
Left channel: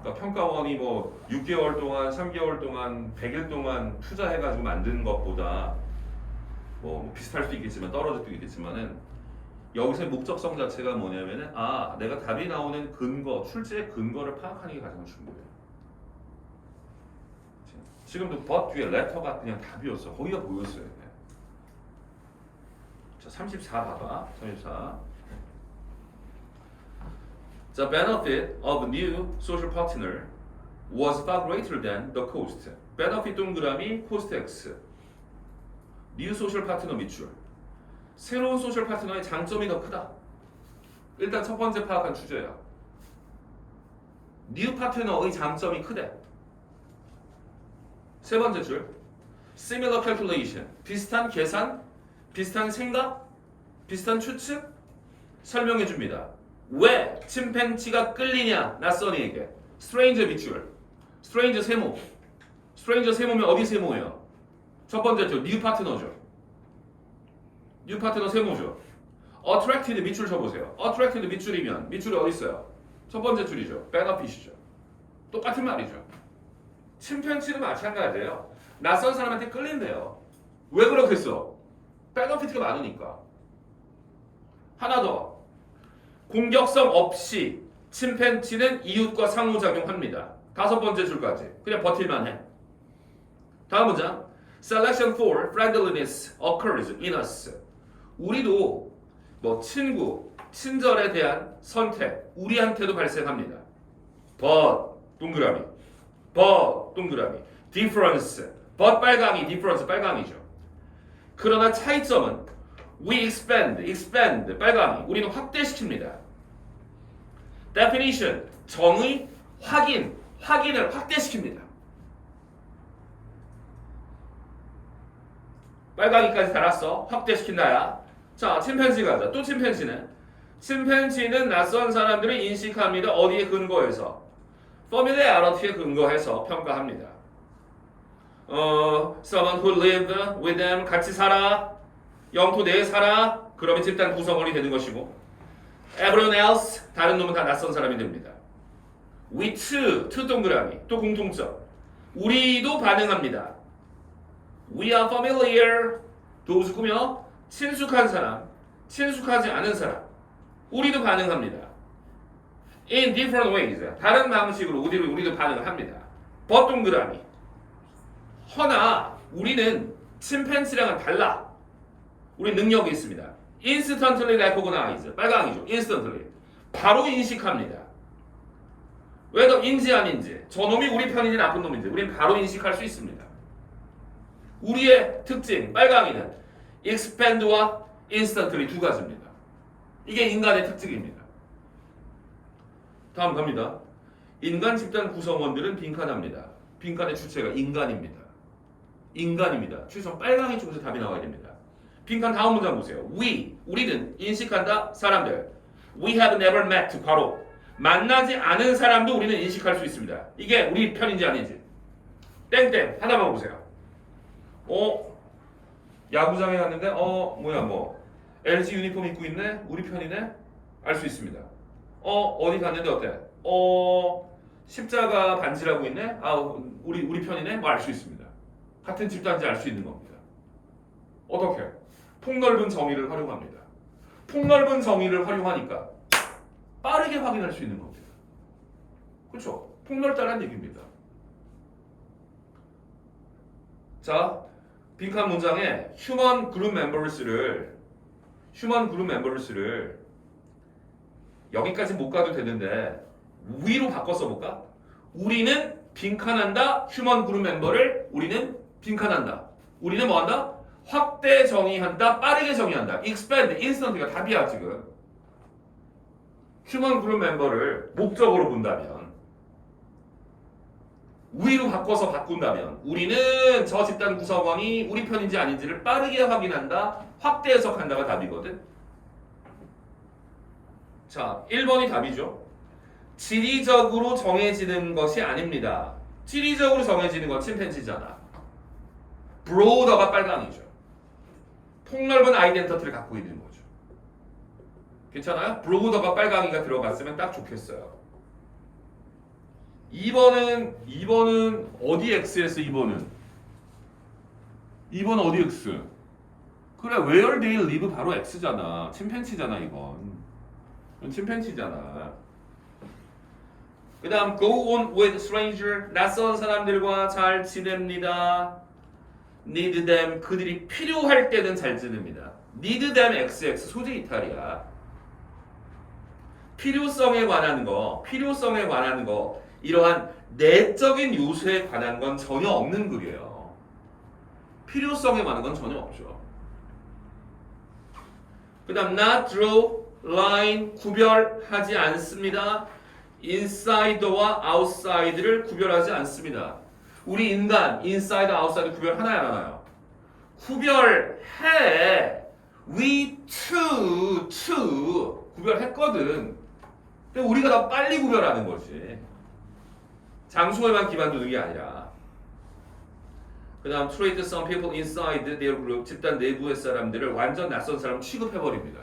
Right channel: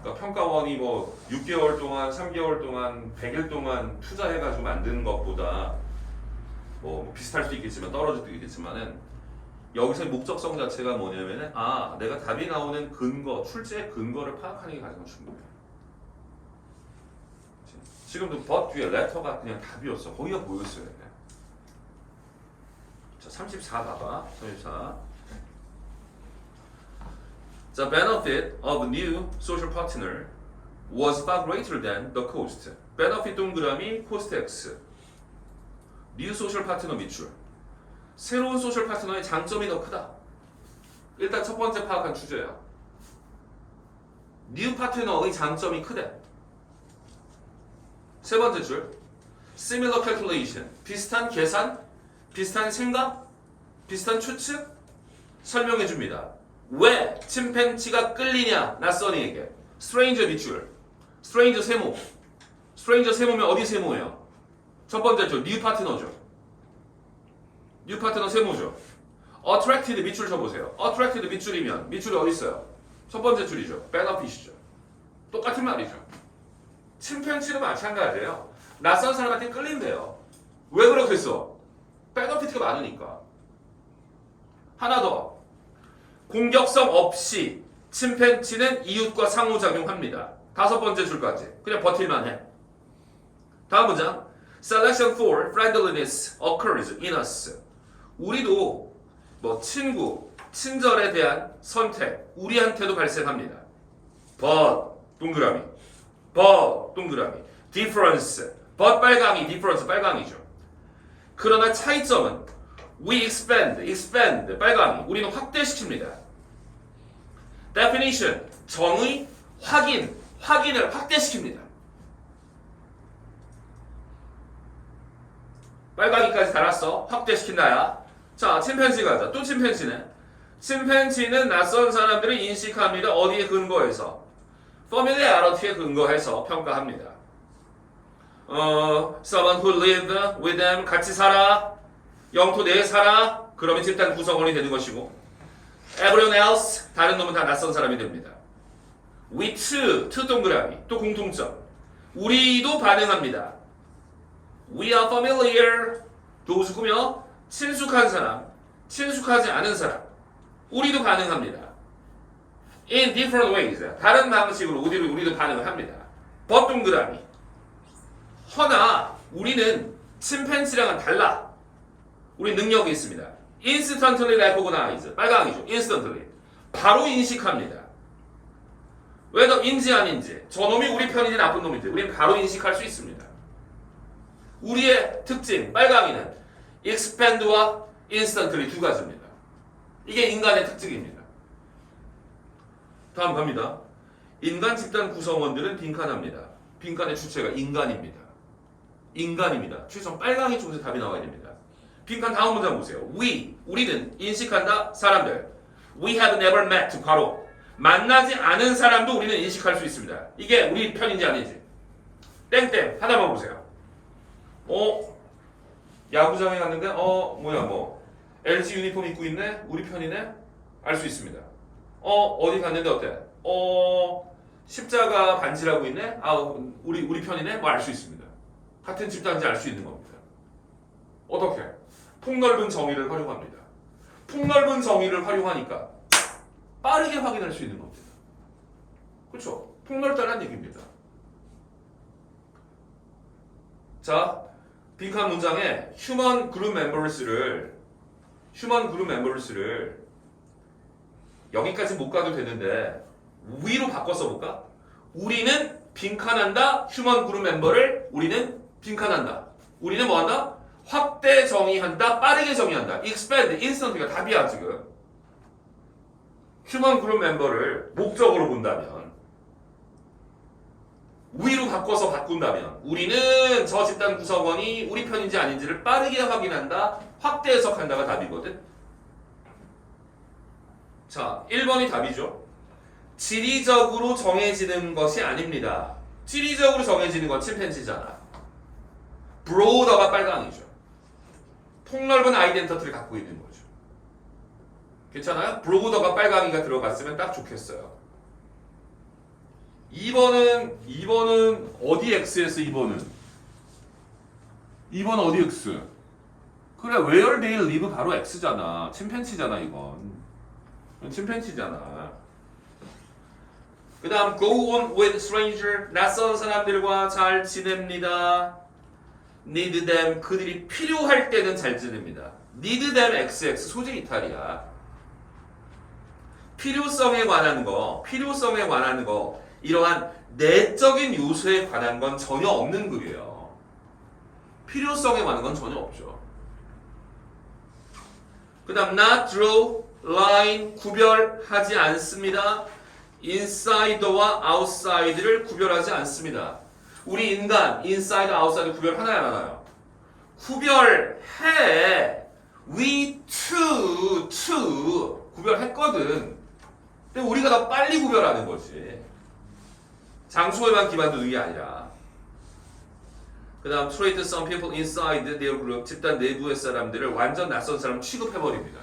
그러니까 평가원이 뭐 6개월 동안, 3개월 동안, 100일 동안 투자해가지고 만든 것보다 뭐 비슷할 수도 있겠지만 떨어질 수도 있겠지만은 여기서의 목적성 자체가 뭐냐면은 내가 답이 나오는 근거, 출제의 근거를 파악하는 게 가장 중요해. 지금도 but 뒤에 letter가 그냥 답이었어. 거기가 뭐였어요? 자, 34 봐봐. 34. The benefit of new social partner was far greater than the cost. benefit 동그라미 cost x. new social partner 밑줄. 새로운 소셜 파트너의 장점이 더 크다. 일단 첫 번째 파악한 주제야. 뉴 파트너의 장점이 크대. 세 번째 줄 similar calculation 비슷한 계산, 비슷한 생각, 비슷한 추측 설명해 줍니다. 왜 침팬지가 끌리냐 낯선이에게. stranger 밑줄 stranger 세모. stranger 세모면 어디 세모예요? 첫 번째 줄 뉴 파트너죠. 뉴 파트너 세모죠. attracted 밑줄 쳐보세요. attracted 밑줄이면 밑줄이 어디 있어요? 첫 번째 줄이죠. benefit이죠. 똑같은 말이죠. 침팬지도 마찬가지예요. 낯선 사람한테 끌린대요. 왜 그렇겠어? benefit가 많으니까. 하나 더. 공격성 없이 침팬지는 이웃과 상호작용합니다. 다섯 번째 줄까지. 그냥 버틸만 해. 다음 문장. Selection for friendliness occurs in us. 우리도 뭐 친구, 친절에 대한 선택, 우리한테도 발생합니다. But 동그라미, but 동그라미, difference, but 빨강이, difference 빨강이죠. 그러나 차이점은 we expand 빨강이, 우리는 확대시킵니다. Definition, 정의, 확인을 확대시킵니다. 빨강이까지 달았어. 확대시킨다야. 자, 침팬지 가자. 또 침팬지네. 침팬지는 낯선 사람들을 인식합니다. 어디에 근거해서? familiarity에 근거해서 평가합니다. someone who live with them 같이 살아. 영토 내에 살아. 그러면 집단 구성원이 되는 것이고 everyone else 다른 놈은 다 낯선 사람이 됩니다. we too 동그라미 또 공통점 우리도 반응합니다. we are familiar 도우스구며 친숙한 사람, 친숙하지 않은 사람 우리도 반응합니다. in different ways 다른 방식으로 우리도 반응을 합니다. but 동그라미 허나 우리는 침팬지랑은 달라. 우리 능력이 있습니다. instantly recognize 빨강이죠. instantly 바로 인식합니다. whether인지 아닌지 저놈이 우리 편인지 나쁜 놈인지 우리는 바로 인식할 수 있습니다. 우리의 특징 빨강이는 expand와 instantly 두 가지입니다. 이게 인간의 특징입니다. 다음 갑니다. 인간 집단 구성원들은 빈칸합니다. 빈칸의 주체가 인간입니다. 인간입니다. 최소한 빨강이 쪽에서 답이 나와야 됩니다. 빈칸 다음 문장 보세요. 우리는 인식한다 사람들. We have never met 괄호 만나지 않은 사람도 우리는 인식할 수 있습니다. 이게 우리 편인지 아닌지. 땡땡 하나만 보세요. 야구장에 갔는데 LG 유니폼 입고 있네. 우리 편이네. 알 수 있습니다. 어디 갔는데 어때? 십자가 반지라고 있네. 우리 편이네. 뭐 알 수 있습니다. 같은 집단인지 알 수 있는 겁니다. 어떻게? 폭넓은 정의를 활용합니다. 폭넓은 정의를 활용하니까 빠르게 확인할 수 있는 겁니다. 그렇죠? 폭넓다는 얘기입니다. 자, 빈칸 문장에 휴먼 그룹 멤버스를 여기까지 못 가도 되는데 위로 바꿔 써볼까? 우리는 빈칸한다. 휴먼 그룹 멤버를 우리는 빈칸한다. 우리는 뭐한다? 확대 정의한다. 빠르게 정의한다. expand, instant가 답이야 지금. 휴먼 그룹 멤버를 목적으로 본다면 위로 바꿔서 바꾼다면 우리는 저 집단 구성원이 우리 편인지 아닌지를 빠르게 확인한다. 확대 해석한다가 답이거든. 자, 1번이 답이죠. 지리적으로 정해지는 것이 아닙니다. 지리적으로 정해지는 건 침팬지잖아. 브로더가 빨강이죠. 폭넓은 아이덴티티를 갖고 있는 거죠. 괜찮아요? 브로더가 빨강이가 들어갔으면 딱 좋겠어요. 2번은 어디 X에서 2번은? 2번 어디 X? 그래, where they live 바로 X잖아. 침팬지잖아 이건. 침팬지잖아. 그 다음 go on with stranger 낯선 사람들과 잘 지냅니다. need them 그들이 필요할 때는 잘 지냅니다. need them XX 소재 이탈이야. 필요성에 관한 거 이러한 내적인 요소에 관한 건 전혀 없는 글이에요. 필요성에 관한 건 전혀 없죠. 그 다음 not draw line 구별하지 않습니다. inside와 outside를 구별하지 않습니다. 우리 인간 inside, outside 구별하나요 안 하나요? 구별해. we to 구별했거든. 근데 우리가 더 빨리 구별하는 거지. 장소에만 기반 두는 게 아니라. 그 다음 treat some people inside their group 집단 내부의 사람들을 완전 낯선 사람 취급해버립니다.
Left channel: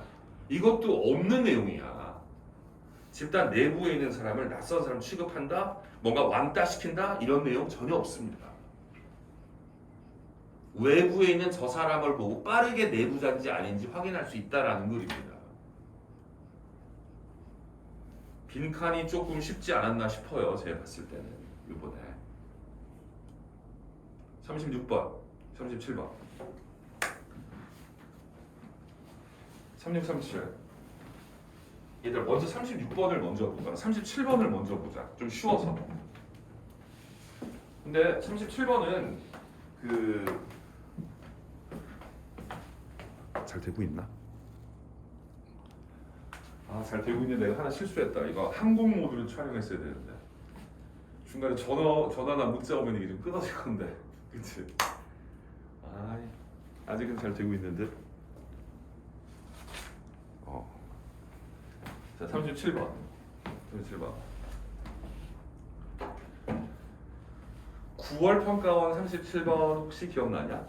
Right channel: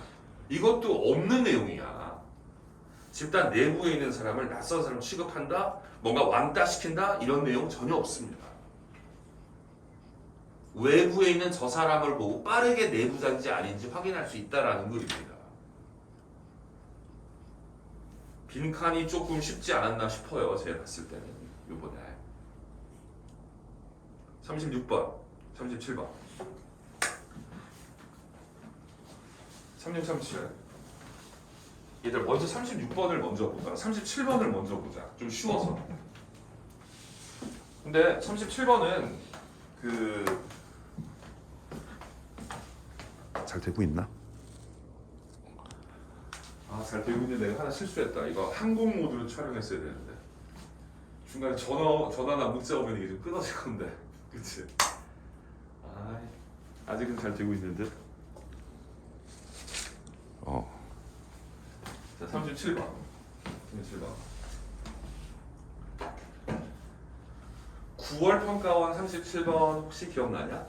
이것도 없는 내용이야. 집단 내부에 있는 사람을 낯선 사람 취급한다? 뭔가 왕따시킨다? 이런 내용 전혀 없습니다. 외부에 있는 저 사람을 보고 빠르게 내부자인지 아닌지 확인할 수 있다라는 글입니다. 빈칸이 조금 쉽지 않았나 싶어요. 제가 봤을 때는 이번에 36번, 37번 36, 37 얘들 먼저 36번을 먼저 보자. 37번을 먼저 보자. 좀 쉬워서. 근데 37번은 잘 되고 있나? 잘 되고 있는데 내가 하나 실수했다. 이거 항공 모드로 촬영했어야 되는데 중간에 전화나 문자 오면 이게 좀 끊어질 건데, 그치? 아직은 잘 되고 있는데. 자, 37번. 37번. 9월 평가원 37번 혹시 기억나냐?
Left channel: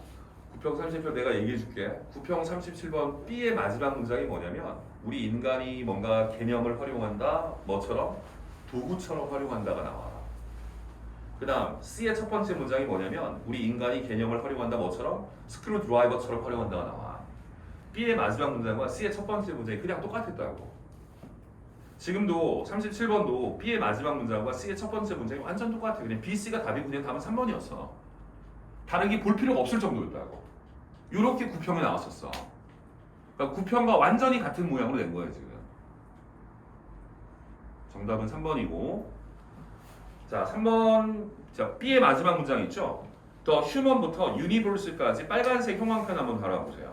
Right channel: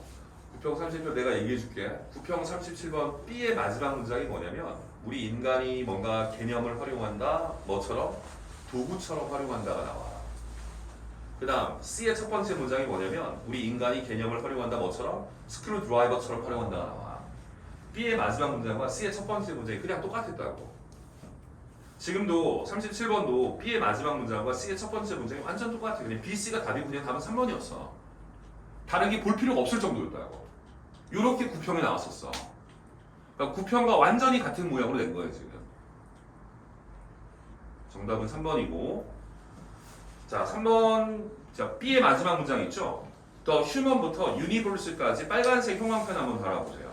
9평 37번 내가 얘기해 줄게. 9평 37번 B의 마지막 문장이 뭐냐면 우리 인간이 뭔가 개념을 활용한다. 뭐처럼? 도구처럼 활용한다가 나와. 그 다음 C의 첫 번째 문장이 뭐냐면 우리 인간이 개념을 활용한다. 뭐처럼? 스크류 드라이버처럼 활용한다가 나와. B의 마지막 문장과 C의 첫 번째 문장이 그냥 똑같았다고. 지금도 37번도 B의 마지막 문장과 C의 첫 번째 문장이 완전 똑같아. 그냥 B, C가 답이고 그냥 답은 3번이었어. 다르게 볼 필요가 없을 정도였다고. 요렇게 9평이 나왔었어. 그러니까 9평과 완전히 같은 모양으로 된 거예요 지금. 정답은 3번이고. 자, 3번. 자, B의 마지막 문장 있죠? 더 휴먼부터 유니버스까지 빨간색 형광펜 한번 달아보세요.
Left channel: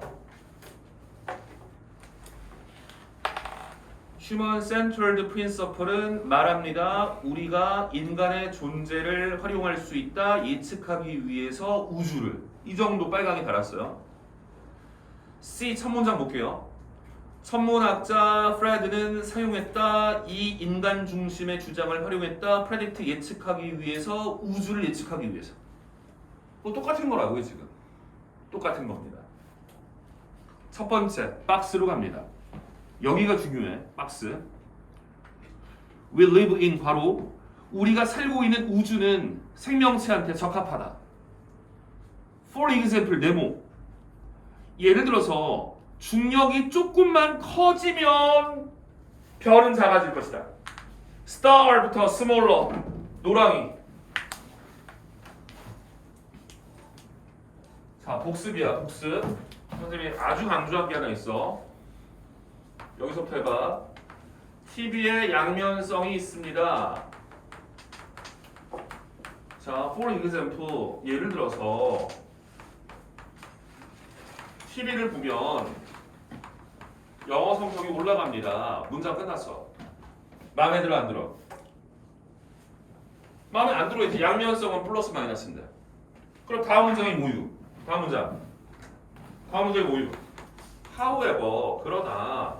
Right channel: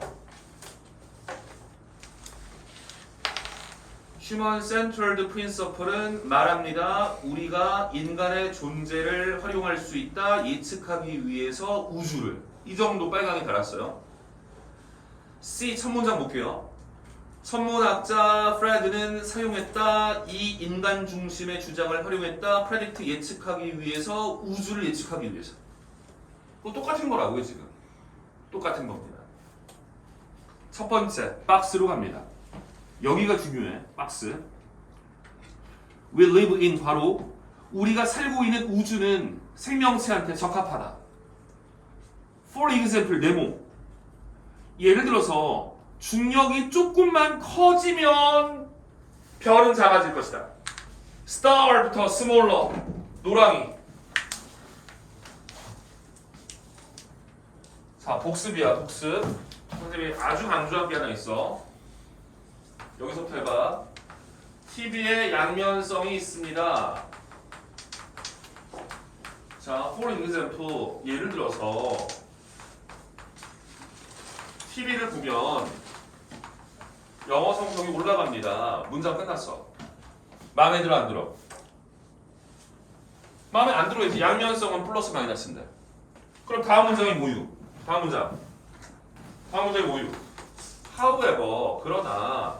휴먼 센트럴드 프린서플은 말합니다. 우리가 인간의 존재를 활용할 수 있다. 예측하기 위해서 우주를. 이 정도 빨강이 달았어요. C 첫 문장 볼게요. 천문학자 프레드는 사용했다. 이 인간 중심의 주장을 활용했다. 프레딕트 예측하기 위해서 우주를 예측하기 위해서. 똑같은 거라고요 지금. 똑같은 겁니다. 첫 번째 박스로 갑니다. 여기가 중요해. 박스. We live in 바로 우리가 살고 있는 우주는 생명체한테 적합하다. For example, 네모. 예를 들어서 중력이 조금만 커지면 별은 작아질 것이다. Star부터 smaller. 노랑이. 자, 복습이야. 복습. 선생님이 아주 강조한 게 하나 있어. 여기서부터 해봐. TV에 양면성이 있습니다. 자, for example, 예를 들어서 TV를 보면 영어 성적이 올라갑니다. 문장 끝났어. 마음에 들어 안 들어? 마음에 안 들어야지. 양면성은 플러스 마이너스인데. 그럼 다음 문장이 뭐유? 다음 문장. 다음 문장이 뭐유? However, 그러나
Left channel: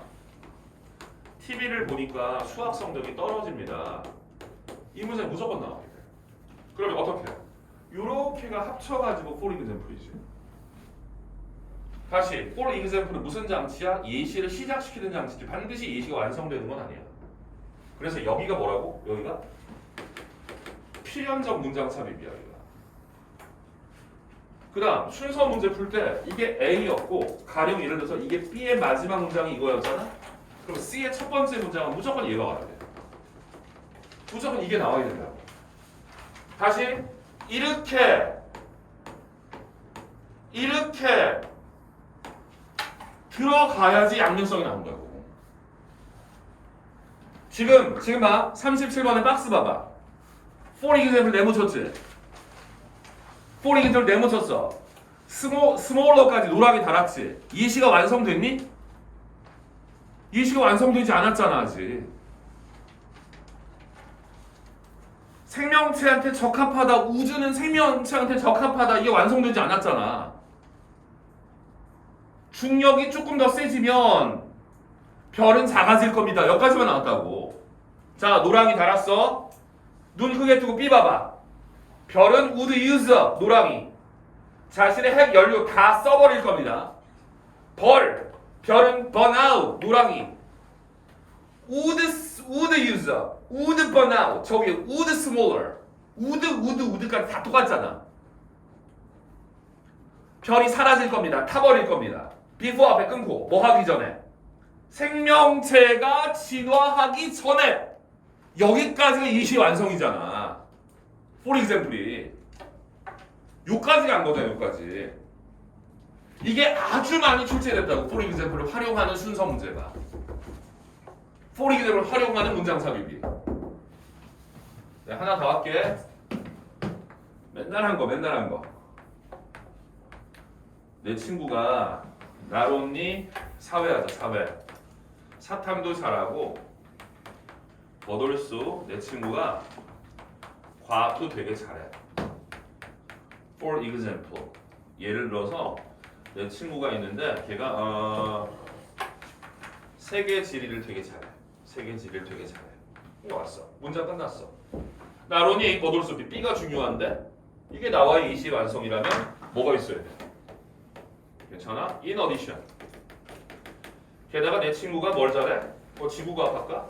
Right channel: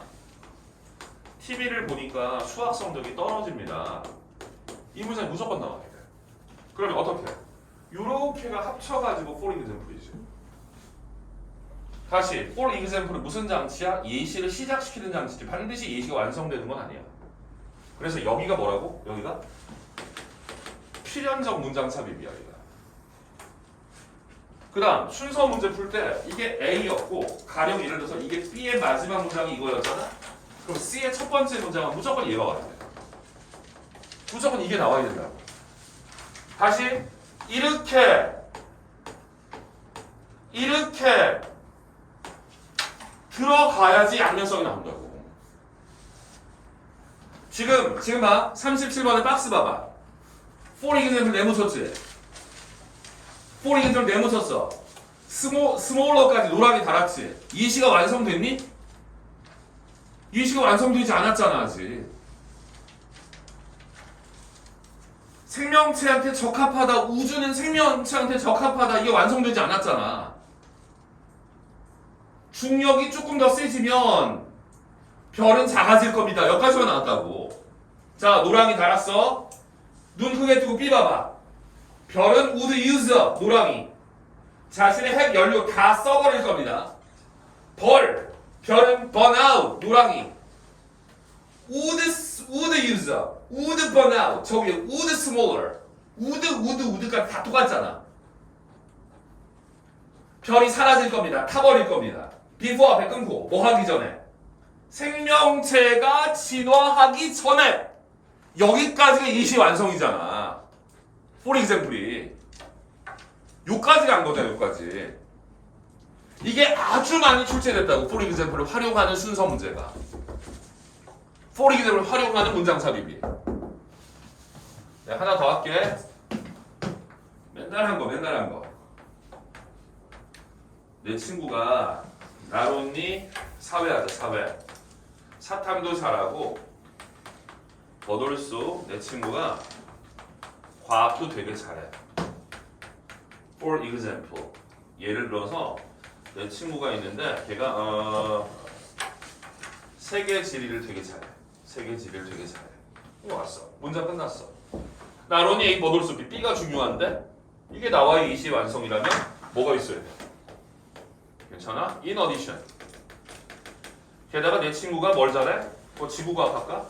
TV를 보니까 수학 성적이 떨어집니다. 이 문장이 무조건 나와야 돼. 그러면 어떻게? 요렇게가 합쳐가지고 for example이지. 다시 for example은 무슨 장치야? 예시를 시작시키는 장치지. 반드시 예시가 완성되는 건 아니야. 그래서 여기가 뭐라고? 여기가 필연적 문장 삽입이야. 여기가. 그 다음 순서 문제 풀 때 이게 A였고 가령 예를 들어서 이게 B의 마지막 문장이 이거였잖아? 그럼 C의 첫 번째 문장은 무조건 얘가 와야 돼. 무조건 이게 나와야 된다. 다시 이렇게 들어가야지 양면성이 나온다고. 지금 봐. 37번의 박스 봐봐. For example 네모 쳤지? For example 네모 쳤어. 스몰러까지 노랑이 달았지? 예시가 완성됐니? 예시가 완성되지 않았잖아 아직. 생명체한테 적합하다, 우주는 생명체한테 적합하다, 이게 완성되지 않았잖아. 중력이 조금 더 세지면 별은 작아질 겁니다. 여기까지만 나왔다고. 자, 노랑이 달았어. 눈 크게 뜨고 삐 봐봐. 별은 would use 노랑이 자신의 핵 연료 다 써버릴 겁니다. 별은 burn out 노랑이 would use would burn out 저기 would smaller would까지 다 똑같잖아. 별이 사라질 겁니다. 타버릴 겁니다. before 앞에 끊고 뭐 하기 전에 생명체가 진화하기 전에 여기까지가 예시 완성이잖아. for example이 요까지 간 거잖아. 요까지 이게 아주 많이 출제됐다고. for example을 활용하는 순서 문제가 for example을 활용하는 문장 삽입이. 내가 하나 더 할게. 맨날 한 거. 내 친구가 나론니 사회하자. 사탐도 잘하고 버돌수 내 친구가 과학도 되게 잘해. For example, 예를 들어서 내 친구가 있는데 걔가 세계 지리를 되게 잘해. 이거 왔어. 문장 끝났어. 나론니 A 버돌수 B. B가 중요한데 이게 나와의 이시 완성이라면 뭐가 있어야 돼? 괜찮아? In addition. 게다가 내 친구가 뭘 잘해? 지구과학 할까?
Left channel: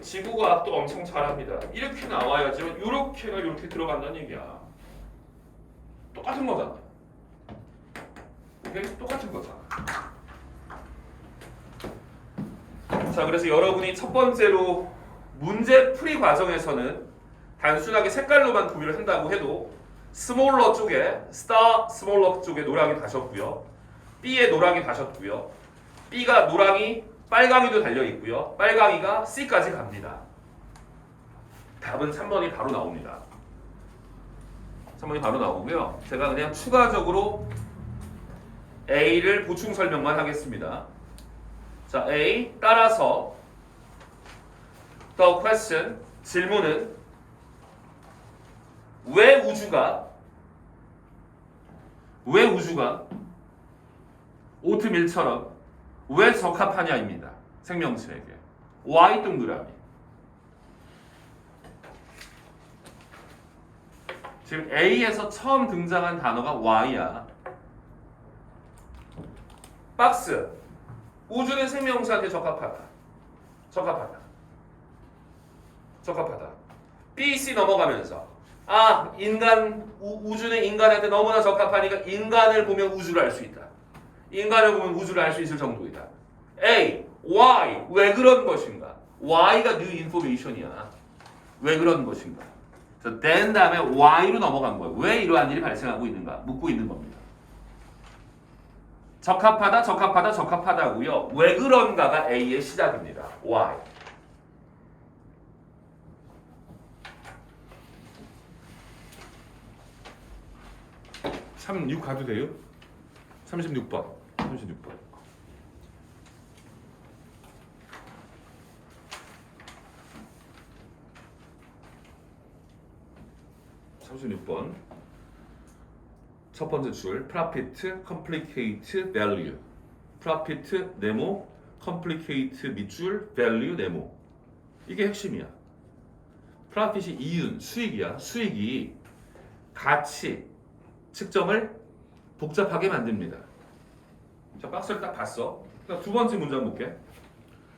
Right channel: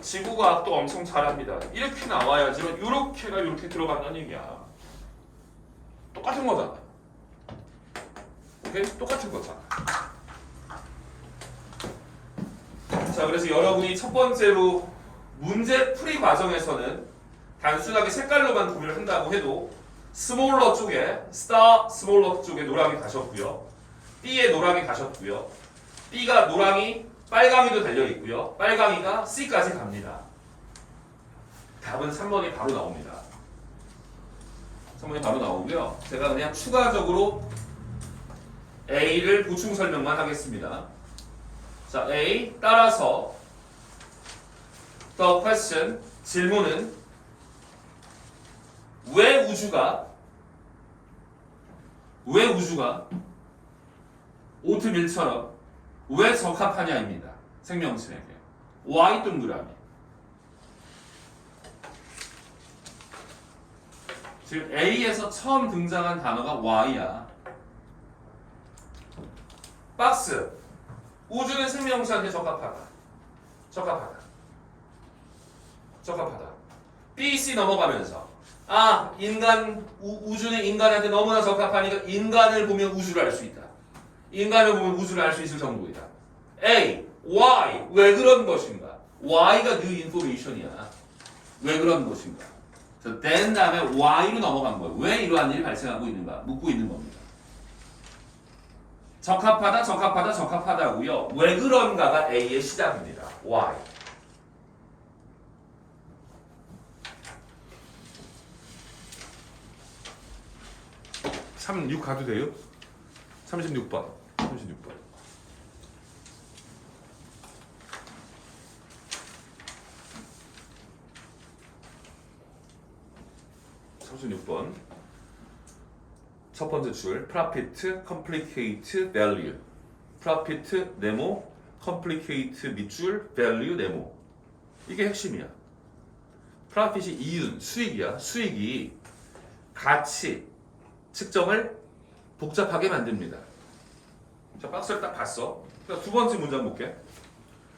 지구과학도 엄청 잘합니다. 이렇게 나와야지만 요렇게가 요렇게 들어간다는 얘기야. 똑같은 거잖아. 오케이? 똑같은 거잖아. 자, 그래서 여러분이 첫 번째로 문제 풀이 과정에서는 단순하게 색깔로만 구별을 한다고 해도 스몰러 쪽에 스몰러 쪽에 노랑이 가셨고요. B에 노랑이 가셨고요. B가 노랑이 빨강이도 달려있고요. 빨강이가 C까지 갑니다. 답은 3번이 바로 나옵니다. 3번이 바로 나오고요. 제가 그냥 추가적으로 A를 보충 설명만 하겠습니다. 자, A 따라서 The question 질문은 왜 우주가 오트밀처럼 왜 적합하냐입니다. 생명체에게. Y 동그라미. 지금 A에서 처음 등장한 단어가 Y야. 박스. 우주는 생명체한테 적합하다. B, C 넘어가면서 우주는 인간한테 너무나 적합하니까 인간을 보면 우주를 알 수 있다. 인간을 보면 우주를 알 수 있을 정도이다. A, Y, 왜 그런 것인가? Y가 new information이야. 왜 그런 것인가? 그래서 then 다음에 Y로 넘어간 거야. 왜 이러한 일이 발생하고 있는가? 묻고 있는 겁니다. 적합하다고요. 왜 그런가가 A의 시작입니다. Y. 36 가도 돼요? 36번. 36번. 첫 번째 줄 profit, complicate, value. profit 네모, complicate 밑줄, value 네모. 이게 핵심이야. profit이 이윤, 수익이야. 수익이 가치, 측정을 복잡하게 만듭니다. 자, 박스를 딱 봤어. 그러니까 두 번째 문장 볼게.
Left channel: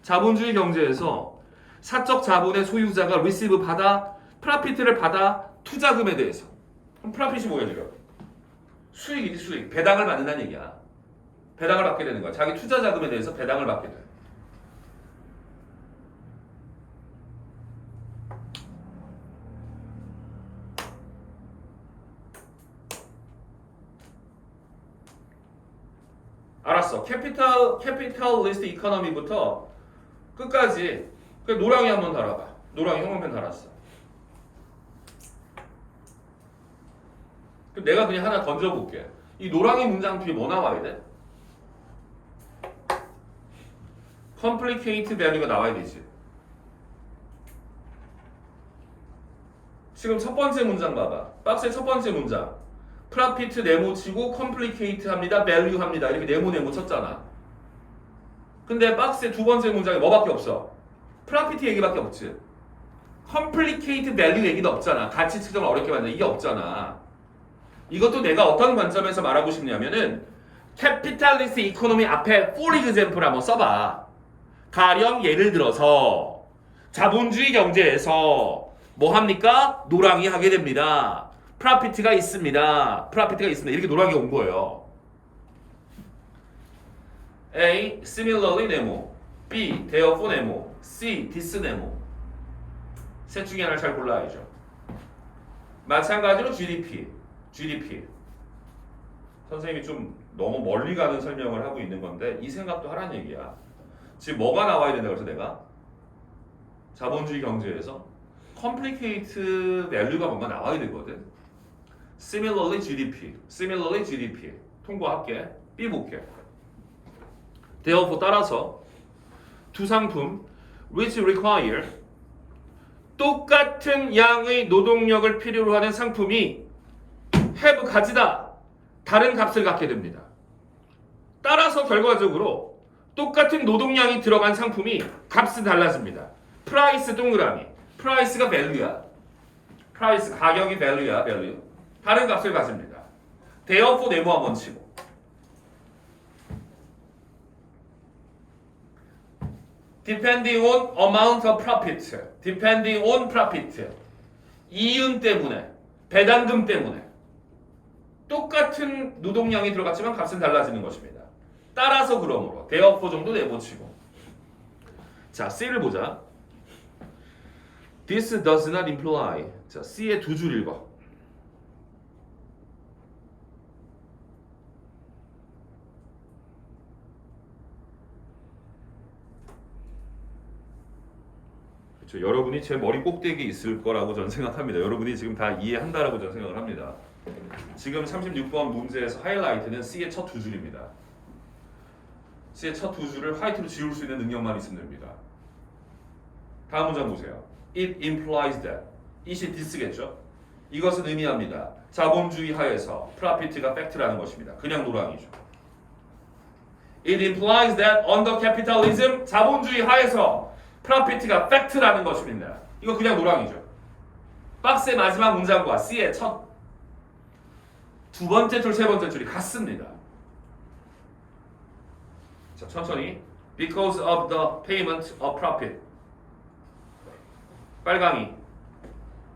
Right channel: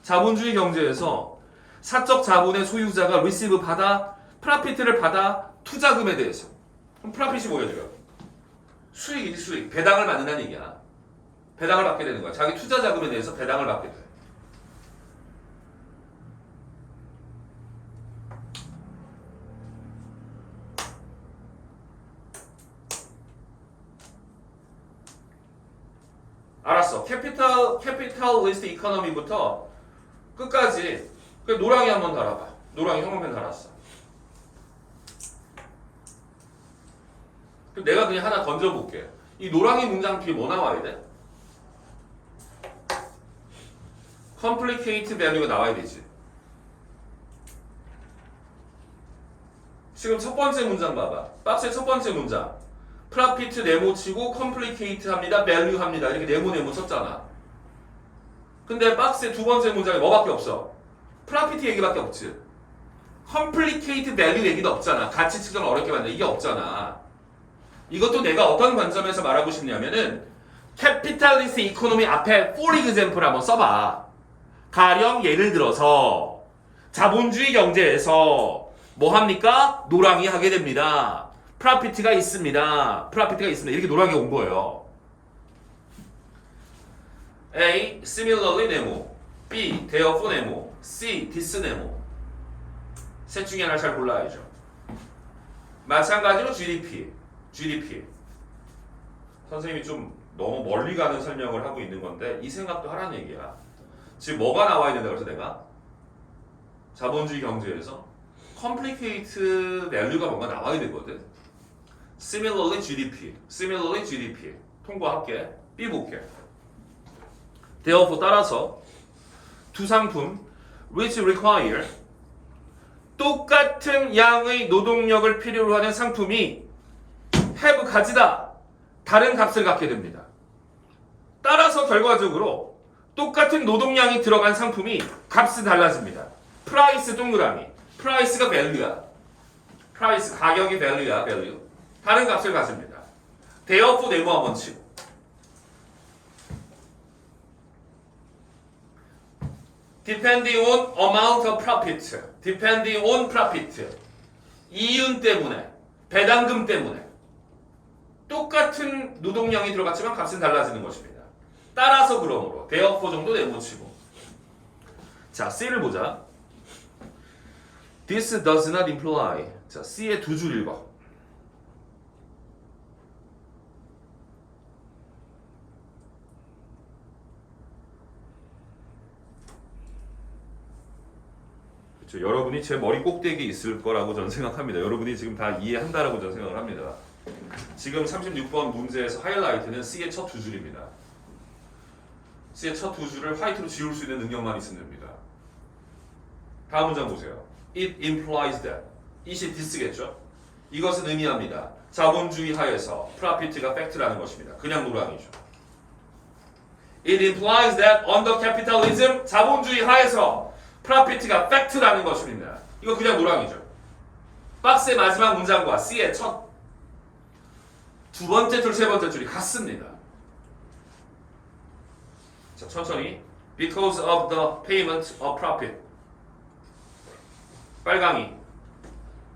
자본주의 경제에서 사적 자본의 소유자가 receive 받아, profit를 받아, 투자금에 대해서. 그럼 profit이 뭐야 지금? 수익이지 수익. 배당을 받는다는 얘기야. 배당을 받게 되는 거야. 자기 투자 자금에 대해서 배당을 받게 돼. 알았어. 캐피탈리스트 이코노미부터 끝까지 노랑이 한번 달아봐. 노랑이 형광펜 달았어. 그럼 내가 그냥 하나 던져볼게. 이 노랑이 문장 뒤에 뭐 나와야 돼? complicate value가 나와야 되지. 지금 첫 번째 문장 봐봐. 박스의 첫 번째 문장. profit 네모 치고 complicate 합니다. value 합니다. 이렇게 네모 쳤잖아. 근데 박스의 두 번째 문장에 뭐밖에 없어? profit 얘기밖에 없지. complicate value 얘기도 없잖아. 가치 측정을 어렵게 만든다. 이게 없잖아. 이것도 내가 어떤 관점에서 말하고 싶냐면은 capitalist economy 앞에 for example 한번 써봐. 가령 예를 들어서 자본주의 경제에서 뭐 합니까? 노랑이 하게 됩니다. 프라피트가 있습니다. 이렇게 노랑이 온 거예요. A. Similarly 네모. B. Therefore 네모. C. This 네모. 셋 중에 하나를 잘 골라야죠. 마찬가지로 GDP. 선생님이 좀 너무 멀리 가는 설명을 하고 있는 건데 이 생각도 하라는 얘기야. 지금 뭐가 나와야 된다 그래서 내가 자본주의 경제에서 complicate value가 뭔가 나와야 되거든. Similarly GDP 통과할게. B 볼게. Therefore 따라서 두 상품 which require 똑같은 양의 노동력을 필요로 하는 상품이 have 가지다 다른 값을 갖게 됩니다. 따라서 결과적으로 똑같은 노동량이 들어간 상품이 값이 달라집니다. 프라이스 동그라미. 프라이스가 value야. 프라이스 가격이 value야. value. 다른 값을 가집니다. therefore 네모 한번 치고. depending on amount of profit. depending on profit. 이윤 때문에, 배당금 때문에 똑같은 노동량이 들어갔지만 값은 달라지는 것입니다. 따라서 그러므로 therefore 정도 내보치고. 자, C를 보자. This does not imply. 자, C의 두 줄 읽어. 그렇죠. 여러분이 제 머리 꼭대기에 있을 거라고 저는 생각합니다. 여러분이 지금 다 이해한다라고 저는 생각을 합니다. 지금 36번 문제에서 하이라이트는 C의 첫 두 줄입니다. C의 첫 두 줄을 화이트로 지울 수 있는 능력만 있으면 됩니다. 다음 문장 보세요. It implies that. it이 this겠죠. 이것은 의미합니다. 자본주의 하에서 profit가 fact라는 것입니다. 그냥 노랑이죠. It implies that under capitalism 자본주의 하에서 profit가 fact라는 것입니다. 이거 그냥 노랑이죠. 박스의 마지막 문장과 C의 첫 두 번째 줄, 세 번째 줄이 같습니다. 자, 천천히. Because of the payment of profit. 빨강이.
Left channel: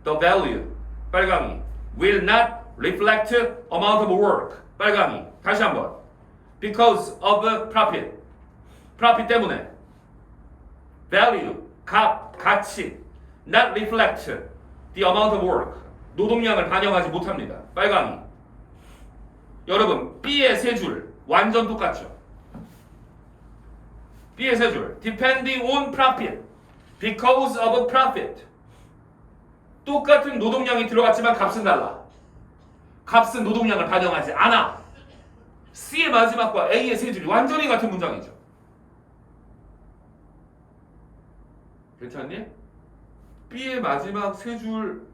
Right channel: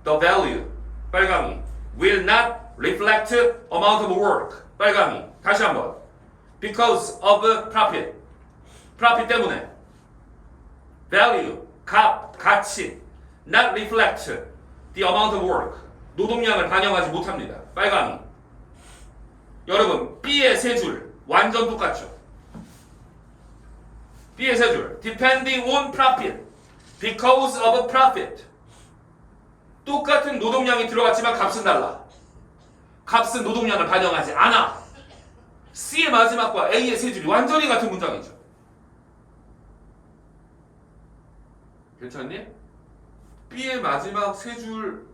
The value. 빨강이. Will not reflect amount of work. 빨강이. 다시 한번. Because of profit. profit 때문에. Value. 값, 가치. Not reflect the amount of work. 노동량을 반영하지 못합니다. 빨강이. 여러분, B의 세 줄 완전 똑같죠? B의 세 줄. Depending on profit. Because of profit. 똑같은 노동량이 들어갔지만 값은 달라. 값은 노동량을 반영하지 않아. C의 마지막과 A의 세 줄이 완전히 같은 문장이죠. 괜찮니? B의 마지막 세 줄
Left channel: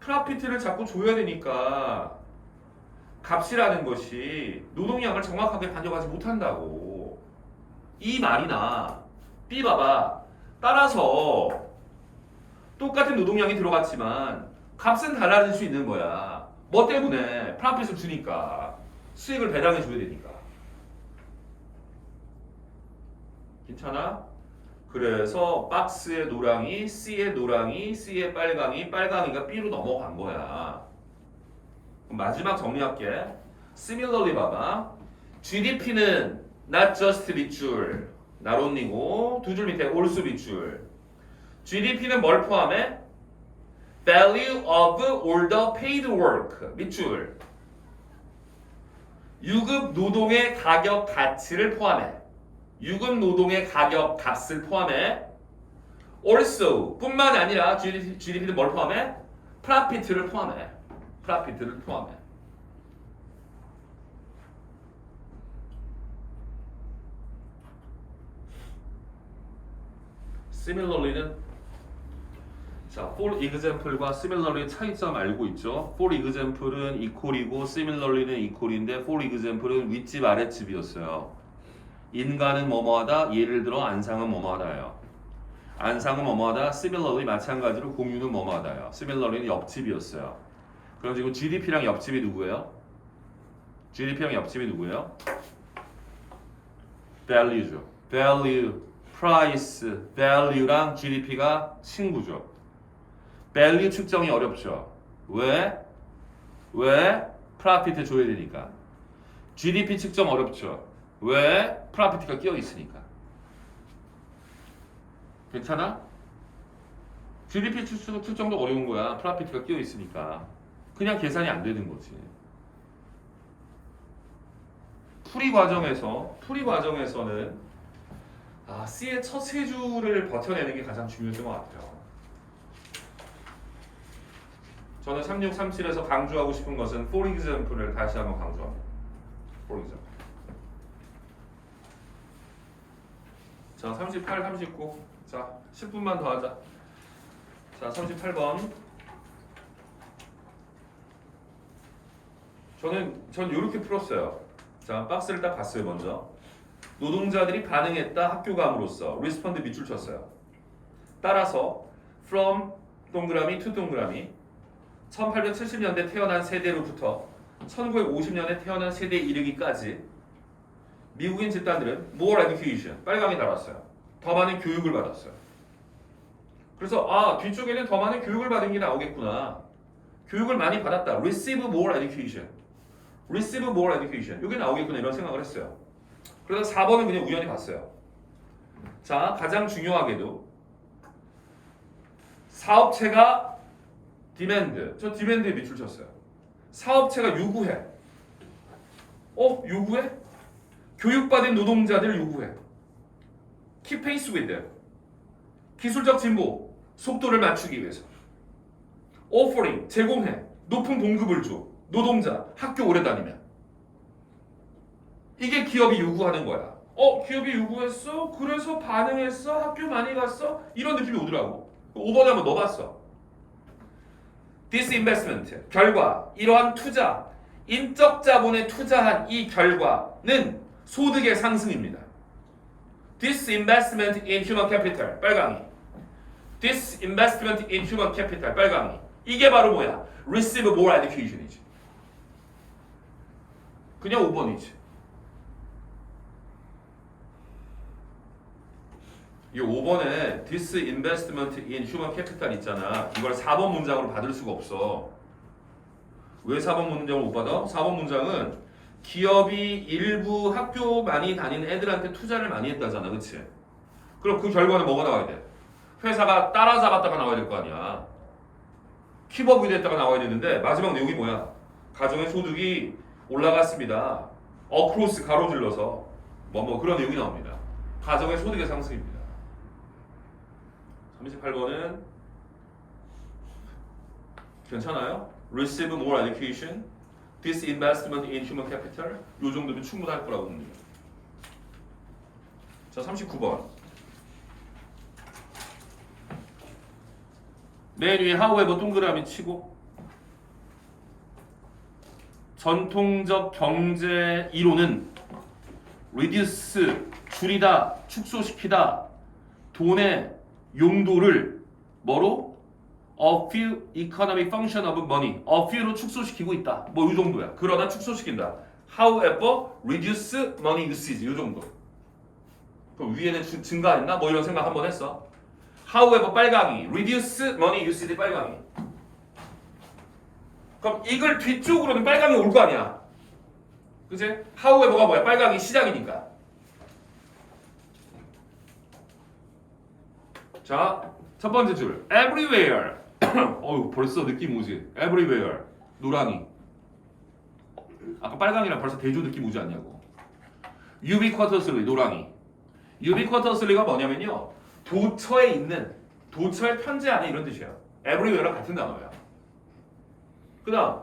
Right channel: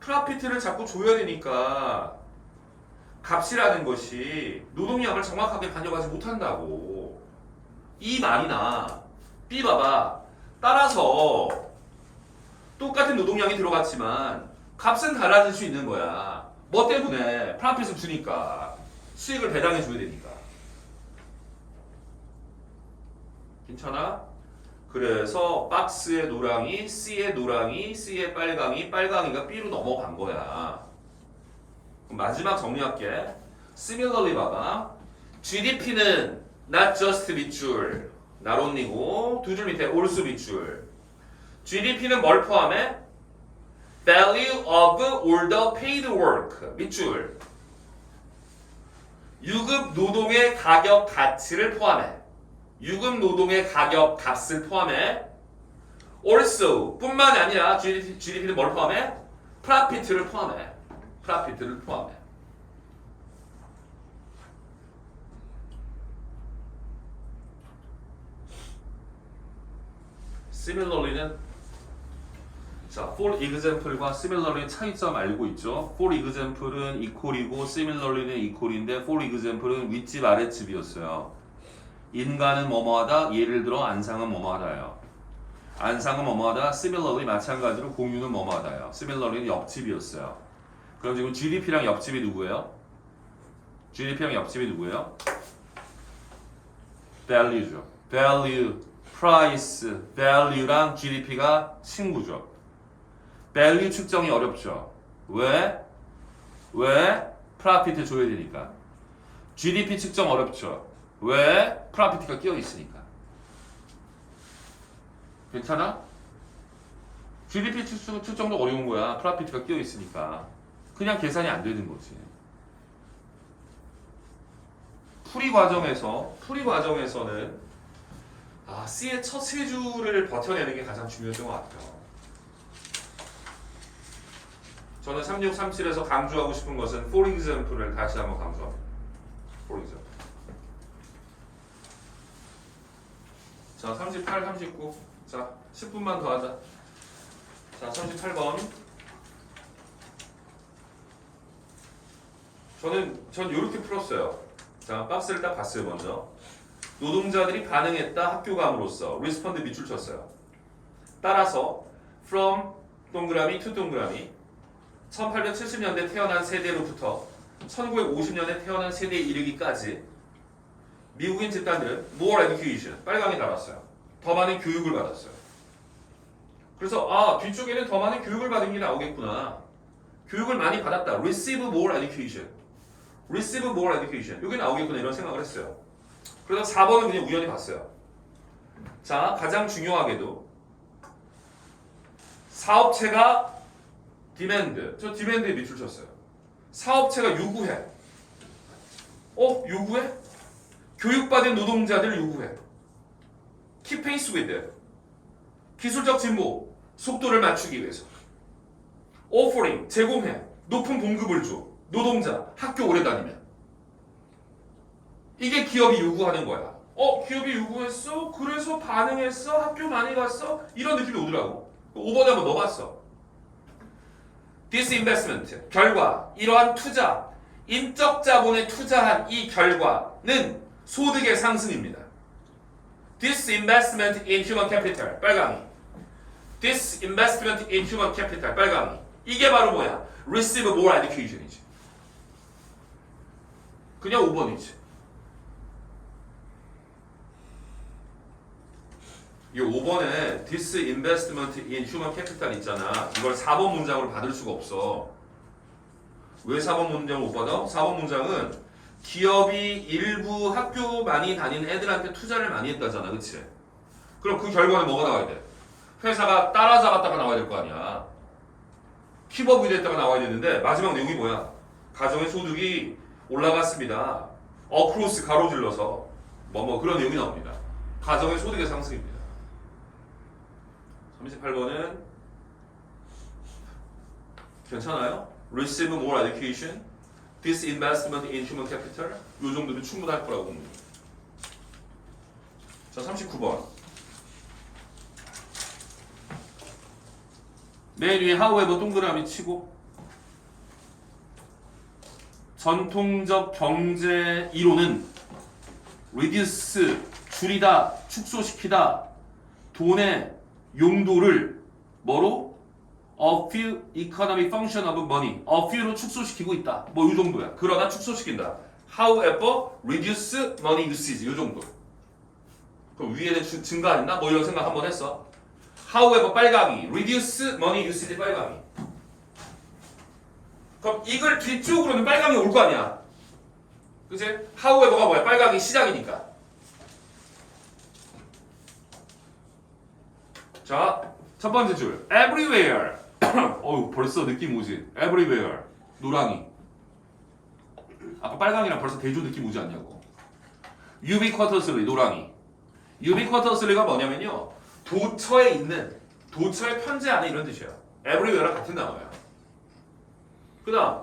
프라피트를 자꾸 줘야 되니까 값이라는 것이 노동량을 정확하게 반영하지 못한다고. 이 말이나 B 봐봐. 따라서 똑같은 노동량이 들어갔지만 값은 달라질 수 있는 거야. 뭐 때문에? 프라핏을 주니까. 수익을 배당해 줘야 되니까. 괜찮아? 그래서 박스의 노랑이, C의 노랑이, C의 빨강이, 빨강이가 B로 넘어간 거야. 그럼 마지막 정리할게. Similarly 봐봐. GDP는 not just 밑줄, 나론니고 두 줄 밑에 also 밑줄. GDP는 뭘 포함해? Value of all the paid work 밑줄. 유급 노동의 가격 가치를 포함해. 유급 노동의 가격 값을 포함해. Also 뿐만이 아니라 GDP는 뭘 포함해? profit를 포함해. profit를 포함해. similarly는 자, for example과 similarly 차이점 알고 있죠? for example은 equal이고 similarly는 equal인데 for example은 윗집 아랫집이었어요. 인간은 뭐뭐하다, 예를 들어 안상은 뭐뭐하다예요. 안상은 뭐뭐하다, similarly 마찬가지로 공유는 뭐뭐하다예요. similarly는 옆집이었어요. 그럼 지금 GDP랑 옆집이 누구예요? GDP랑 옆집이 누구예요? value죠. value, price, value랑 GDP가 친구죠. value 측정이 어렵죠. 왜? profit 줘야 되니까. GDP 측정 어렵죠. 왜? profit가 끼어 있으니까. 괜찮아? GDP 측정도 어려운 거야. profit가 끼어 있으니까. 그냥 계산이 안 되는 거지. 풀이 과정에서는 C의 첫 세 줄을 버텨내는 게 가장 중요했던 것 같아요. 저는 3637에서 강조하고 싶은 것은 for example을 다시 한번 강조합니다. for example. 자, 38, 39. 자, 10분만 더 하자. 자, 38번. 전 이렇게 풀었어요. 자, 박스를 딱 봤어요, 먼저. 노동자들이 반응했다, 학교 감으로써. respond 밑줄 쳤어요. 따라서 from 동그라미 to 동그라미 1870년대 태어난 세대로부터 1950년에 태어난 세대에 이르기까지 미국인 집단들은 more education, 빨강이 달았어요. 더 많은 교육을 받았어요. 그래서 뒤쪽에는 더 많은 교육을 받은 게 나오겠구나. 교육을 많이 받았다. receive more education. receive more education. 이게 나오겠구나 이런 생각을 했어요. 그래서 4번은 그냥 우연히 봤어요. 자, 가장 중요하게도 사업체가 demand. 저 demand에 밑줄 쳤어요. 사업체가 요구해. 요구해? 교육받은 노동자들 요구해. Keep pace with them. 기술적 진보, 속도를 맞추기 위해서. Offering, 제공해. 높은 봉급을 줘. 노동자, 학교 오래 다니면. 이게 기업이 요구하는 거야. 기업이 요구했어? 그래서 반응했어? 학교 많이 갔어? 이런 느낌이 오더라고. 5번에 한번 넣어봤어. Disinvestment, 결과, 이러한 투자, 인적 자본에 투자한 이 결과는 소득의 상승입니다. Disinvestment in human capital, 빨강이. Disinvestment in human capital, 빨강이. 이게 바로 뭐야? Receive more education이지. 그냥 5번이지. 이 5번에 disinvestment in human capital 있잖아. 이걸 4번 문장으로 받을 수가 없어. 왜 4번 문장을 못 받아? 4번 문장은 기업이 일부 학교 많이 다니는 애들한테 투자를 많이 했다잖아. 그치? 그럼 그 결과는 뭐가 나와야 돼? 회사가 따라잡았다가 나와야 될 거 아니야. 킵업이 됐다가 나와야 되는데 마지막 내용이 뭐야? 가정의 소득이 올라갔습니다. 어크로스 가로질러서 뭐 그런 내용이 나옵니다. 가정의 소득의 상승입니다. 38번은 괜찮아요? Receive more education, disinvestment in human capital. 요 정도면 충분할 거라고 봅니다. 자, 39번. 맨 위에 however 동그라미 치고 전통적 경제 이론은 reduce, 줄이다, 축소시키다, 돈의 용도를 뭐로? A few economic function of money. A few로 축소시키고 있다. 이 정도야. 그러나 축소시킨다. However, reduce money usage. 이 정도. 그럼 위에는 증가했나? 이런 생각 한번 했어. However, 빨강이. Reduce money usage 빨강이. 그럼 이걸 뒤쪽으로는 빨강이 올 거 아니야. 그치? However가 뭐야? 빨강이 시작이니까. 자, 첫 번째 줄. Everywhere. 벌써 느낌 오지? Everywhere. 노랑이. 아까 빨강이랑 벌써 대조 느낌 오지 않냐고. Ubiquitously. 노랑이. Ubiquitously가 뭐냐면요. 도처에 있는, 도처의 편재 안에 이런 뜻이야. Everywhere랑 같은 단어야. 그 다음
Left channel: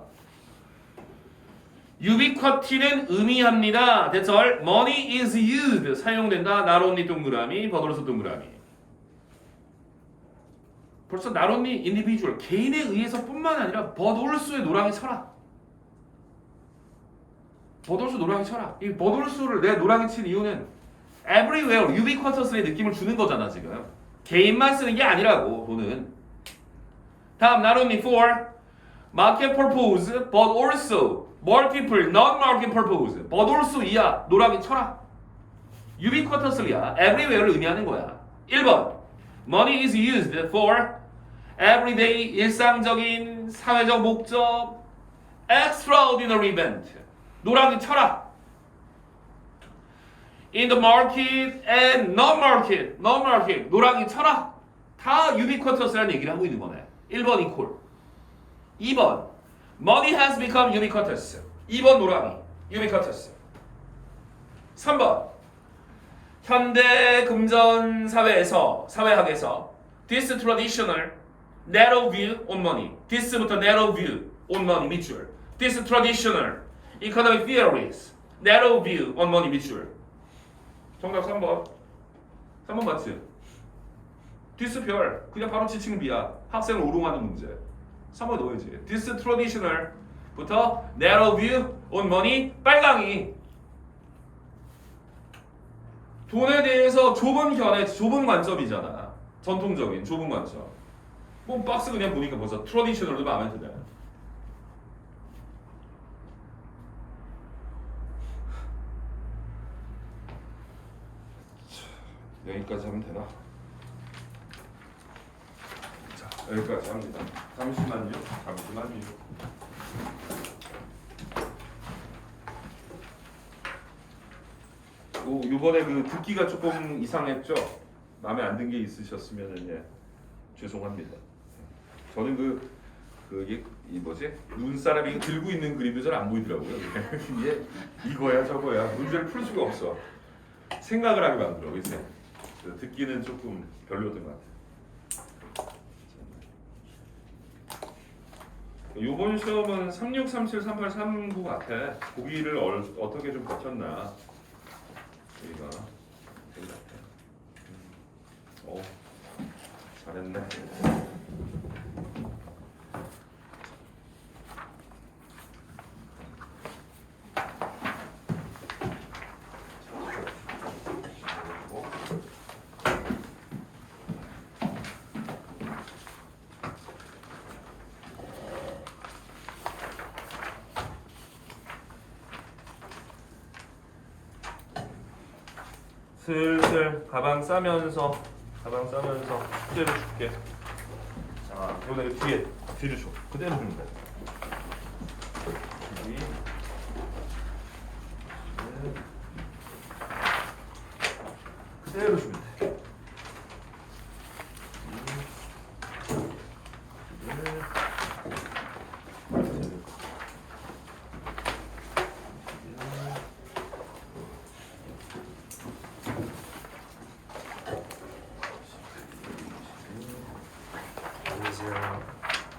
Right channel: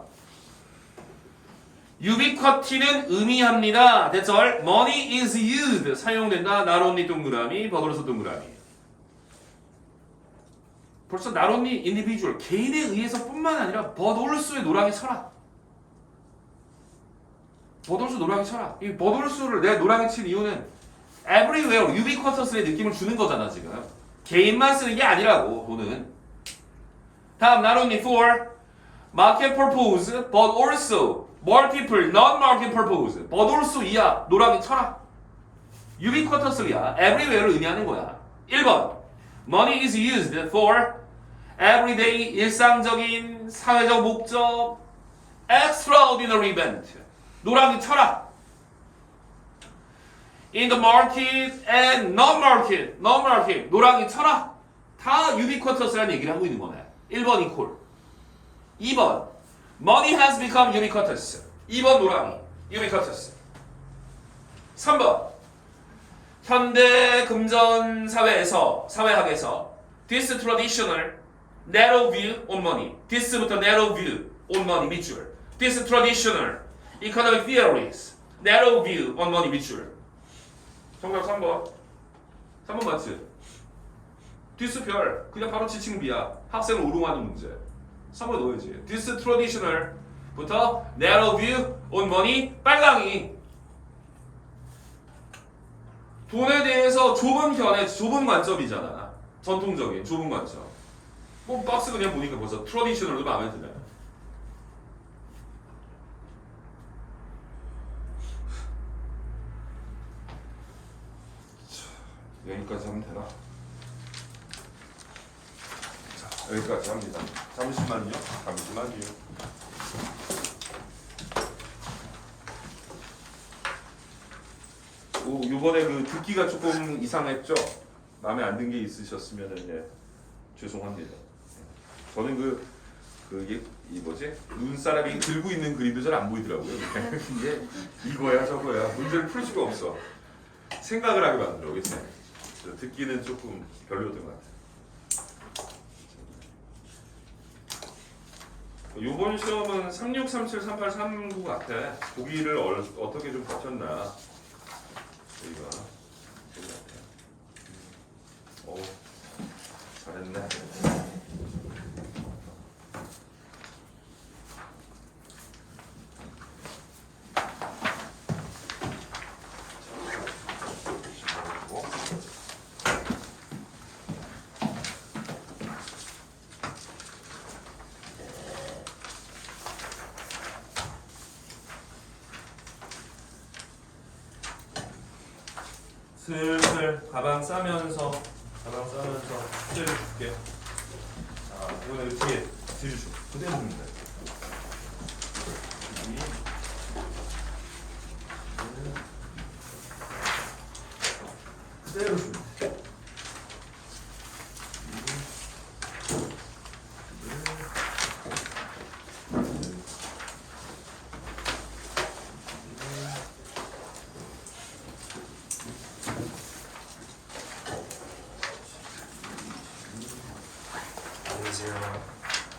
ubiquity는 의미합니다. That's all. Money is used. 사용된다. Not only 동그라미, 버들어서 동그라미. 벌써 not only individual 개인에 의해서뿐만 아니라 but also의 노랑이 쳐라. but also 노랑이 쳐라. 이 but also를 내가 노랑이 친 이유는 everywhere ubiquitous의 느낌을 주는 거잖아 지금. 개인만 쓰는 게 아니라고 돈은. 다음 not only for market purpose but also multiple non-market purpose but also 이야 노랑이 쳐라. ubiquitously야 everywhere를 의미하는 거야. 1번 money is used for everyday 일상적인 사회적 목적 extraordinary event 노랑이 쳐라. in the market and non-market 노랑이 쳐라. 다 ubiquitous라는 얘기를 하고 있는 거네. 1번 equal. 2번 money has become ubiquitous. 2번 노랑이 ubiquitous. 3번 현대 금전 사회학에서 this traditional narrow view on money. this부터 narrow view on money 밑줄. this traditional economic theories narrow view on money 밑줄. 정답 3번. 3번 맞지? this 별 그냥 바로 지칭 비야. 학생을 오롱하는 문제. 3번 넣어야지. this traditional부터 narrow view on money 빨강이. 돈에 대해서 좁은 견해, 좁은 관점이잖아. 전통적인 좁은 관점. 뭐 박스 그냥 보니까 벌써 트래디셔널도 마음에 드네. 여기까지 하면 되나? 자, 여기까지 합니다. 잠시만요. 요번에 그 듣기가 조금 이상했죠? 마음에 안 든 게 있으셨으면 예, 죄송합니다. 저는 이 뭐지? 눈사람이 들고 있는 그림도 잘 안 보이더라고요. 이게 이거야 저거야 문제를 풀 수가 없어. 생각을 하게 만들어. 그치? 듣기는 조금 별로였던 것 같아요. 요번 시험은 36, 37, 38, 39 같아. 보기를 어떻게 좀 버텼나 우리가 되게 같아요. 오, 잘했네. 슬슬 가방 싸면서 숙제를 줄게. 자, 이번에 뒤를 줘. 그대로 주면 돼. 그대로 주면 돼.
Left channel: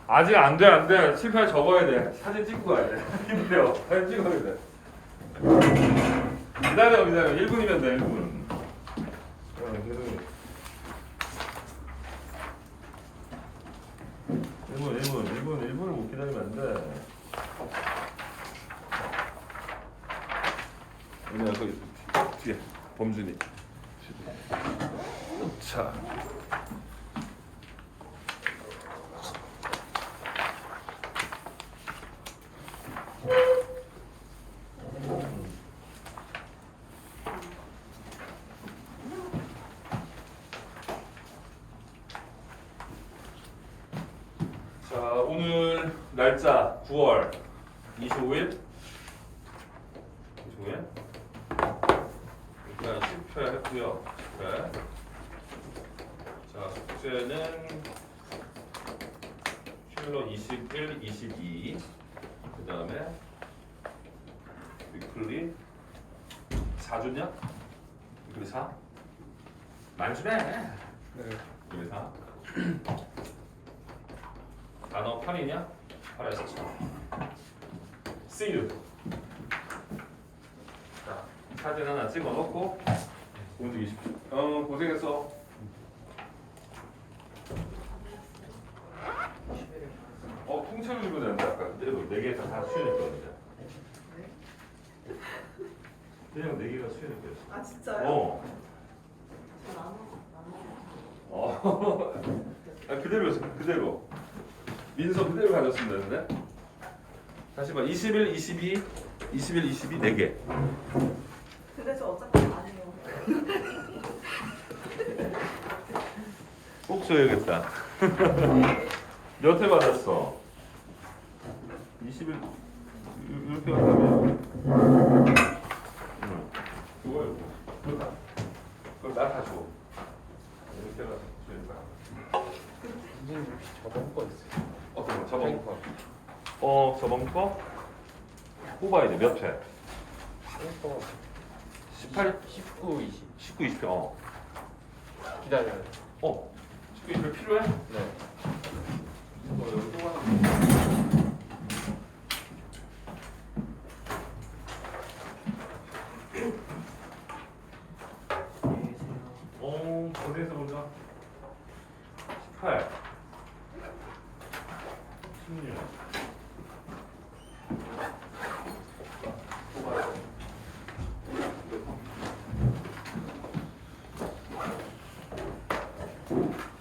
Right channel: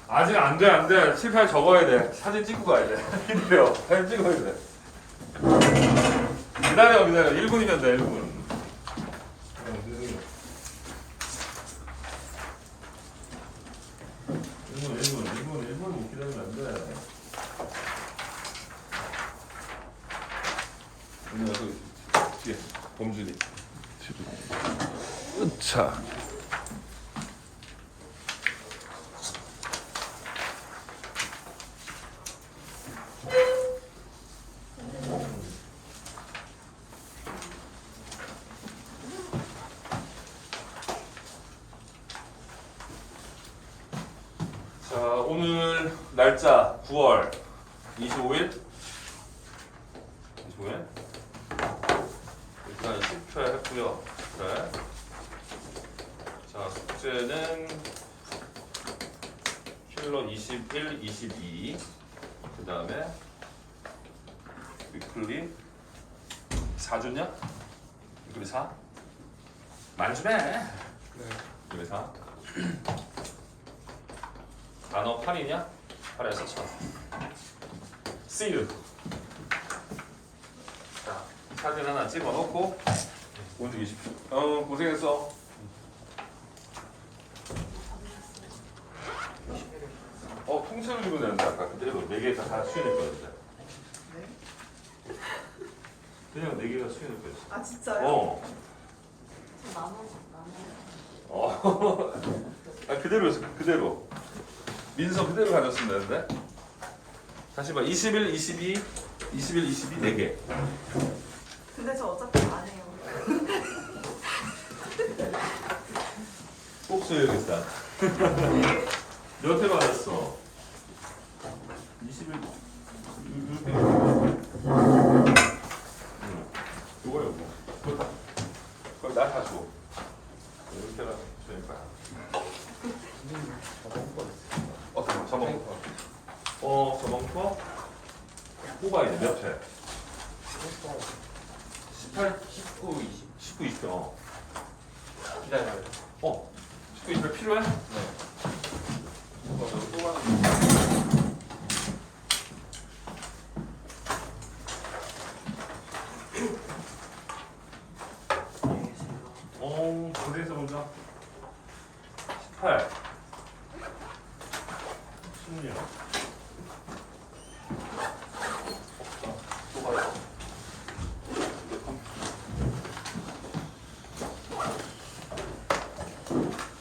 아직 안 돼. 7, 8 적어야 돼. 사진 찍고 가야 돼. 힘들어. 사진 찍어야 돼. 기다려. 1분이면 돼. 1분. 1분 못 기다리면 안 돼. 여기 뒤에 범준이. 자. 오늘 날짜 9월 25일 일단 10회 했고요. 네. 자, 숙제는 킬러 21, 22 그 다음에 위클리 4주냐? 위클리 4? 말 좀 해. 위클리 4 단어 8이냐? 8에서 1000. See you. 자, 사진 하나 찍어놓고 움직이십시오. 고생했어. 통째로 읽으면 되는데 아까 그대로 4개 다 수연했거든요. 그냥 4개가 수연했거든. 아 진짜요? 어. 저 나눠. 아 그대로였어 그대로. 민서 그대로 가졌으면 되는데. 다시 봐. 21, 22, 21, 22 4개. 근데 저 어차피 안 해요. 꼭 써야겠다. 몇 회 받았어? 21 이렇게 받으면 이거 이거 그거 나다 줘. 이렇게 주니까. 저번 거 뽑아야 돼. 몇 회? 18, 19, 20 19, 20. 기다려요. 19, 20회 필요해? 이거 여기 뽑아. 거기에서 보자. 18, 16.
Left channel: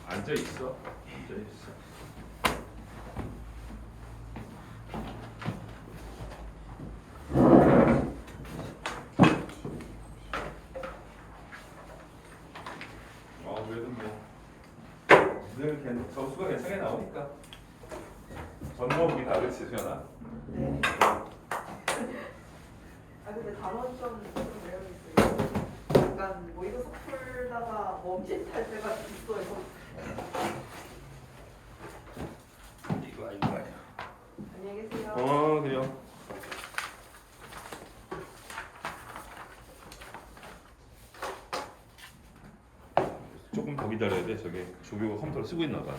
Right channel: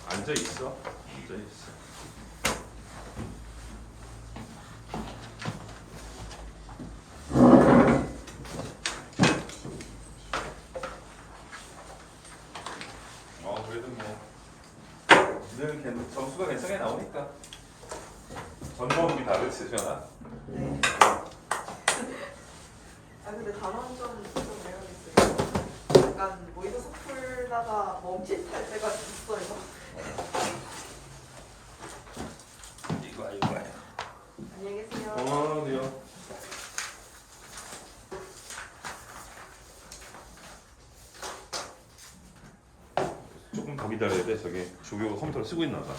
앉아 있어. 앉아 있어. 그래도 뭐 이러면 점수가 괜찮게 나오니까. 전문이 다 그렇지, 수연아. 네. 아 근데 단원점 좀 매력있어요. 약간 뭐 이거 풀다가 멈칫할 때가 있어요. 이거 이거. 안녕히 계세요. 그래요. 조금 더 기다려야 돼. 저기 조교가 컴퓨터를 쓰고 있나 봐.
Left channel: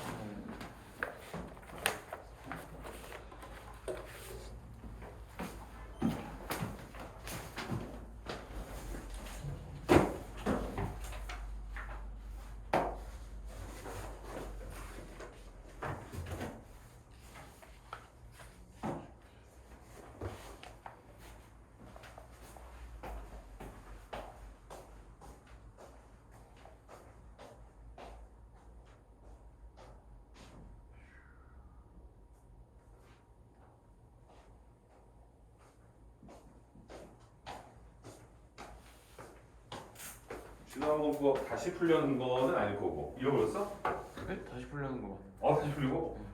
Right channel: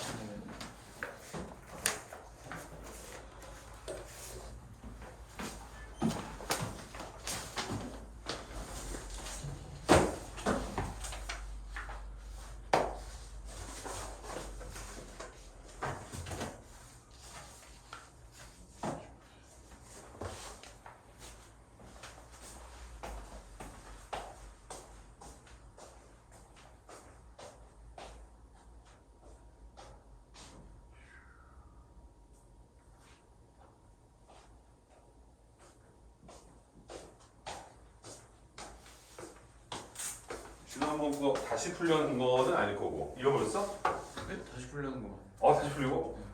지난번 그거 다시 풀려는 거는 아닐 거고. 잃어버렸어? 네? 다시 풀려는 거. 다시 풀리고?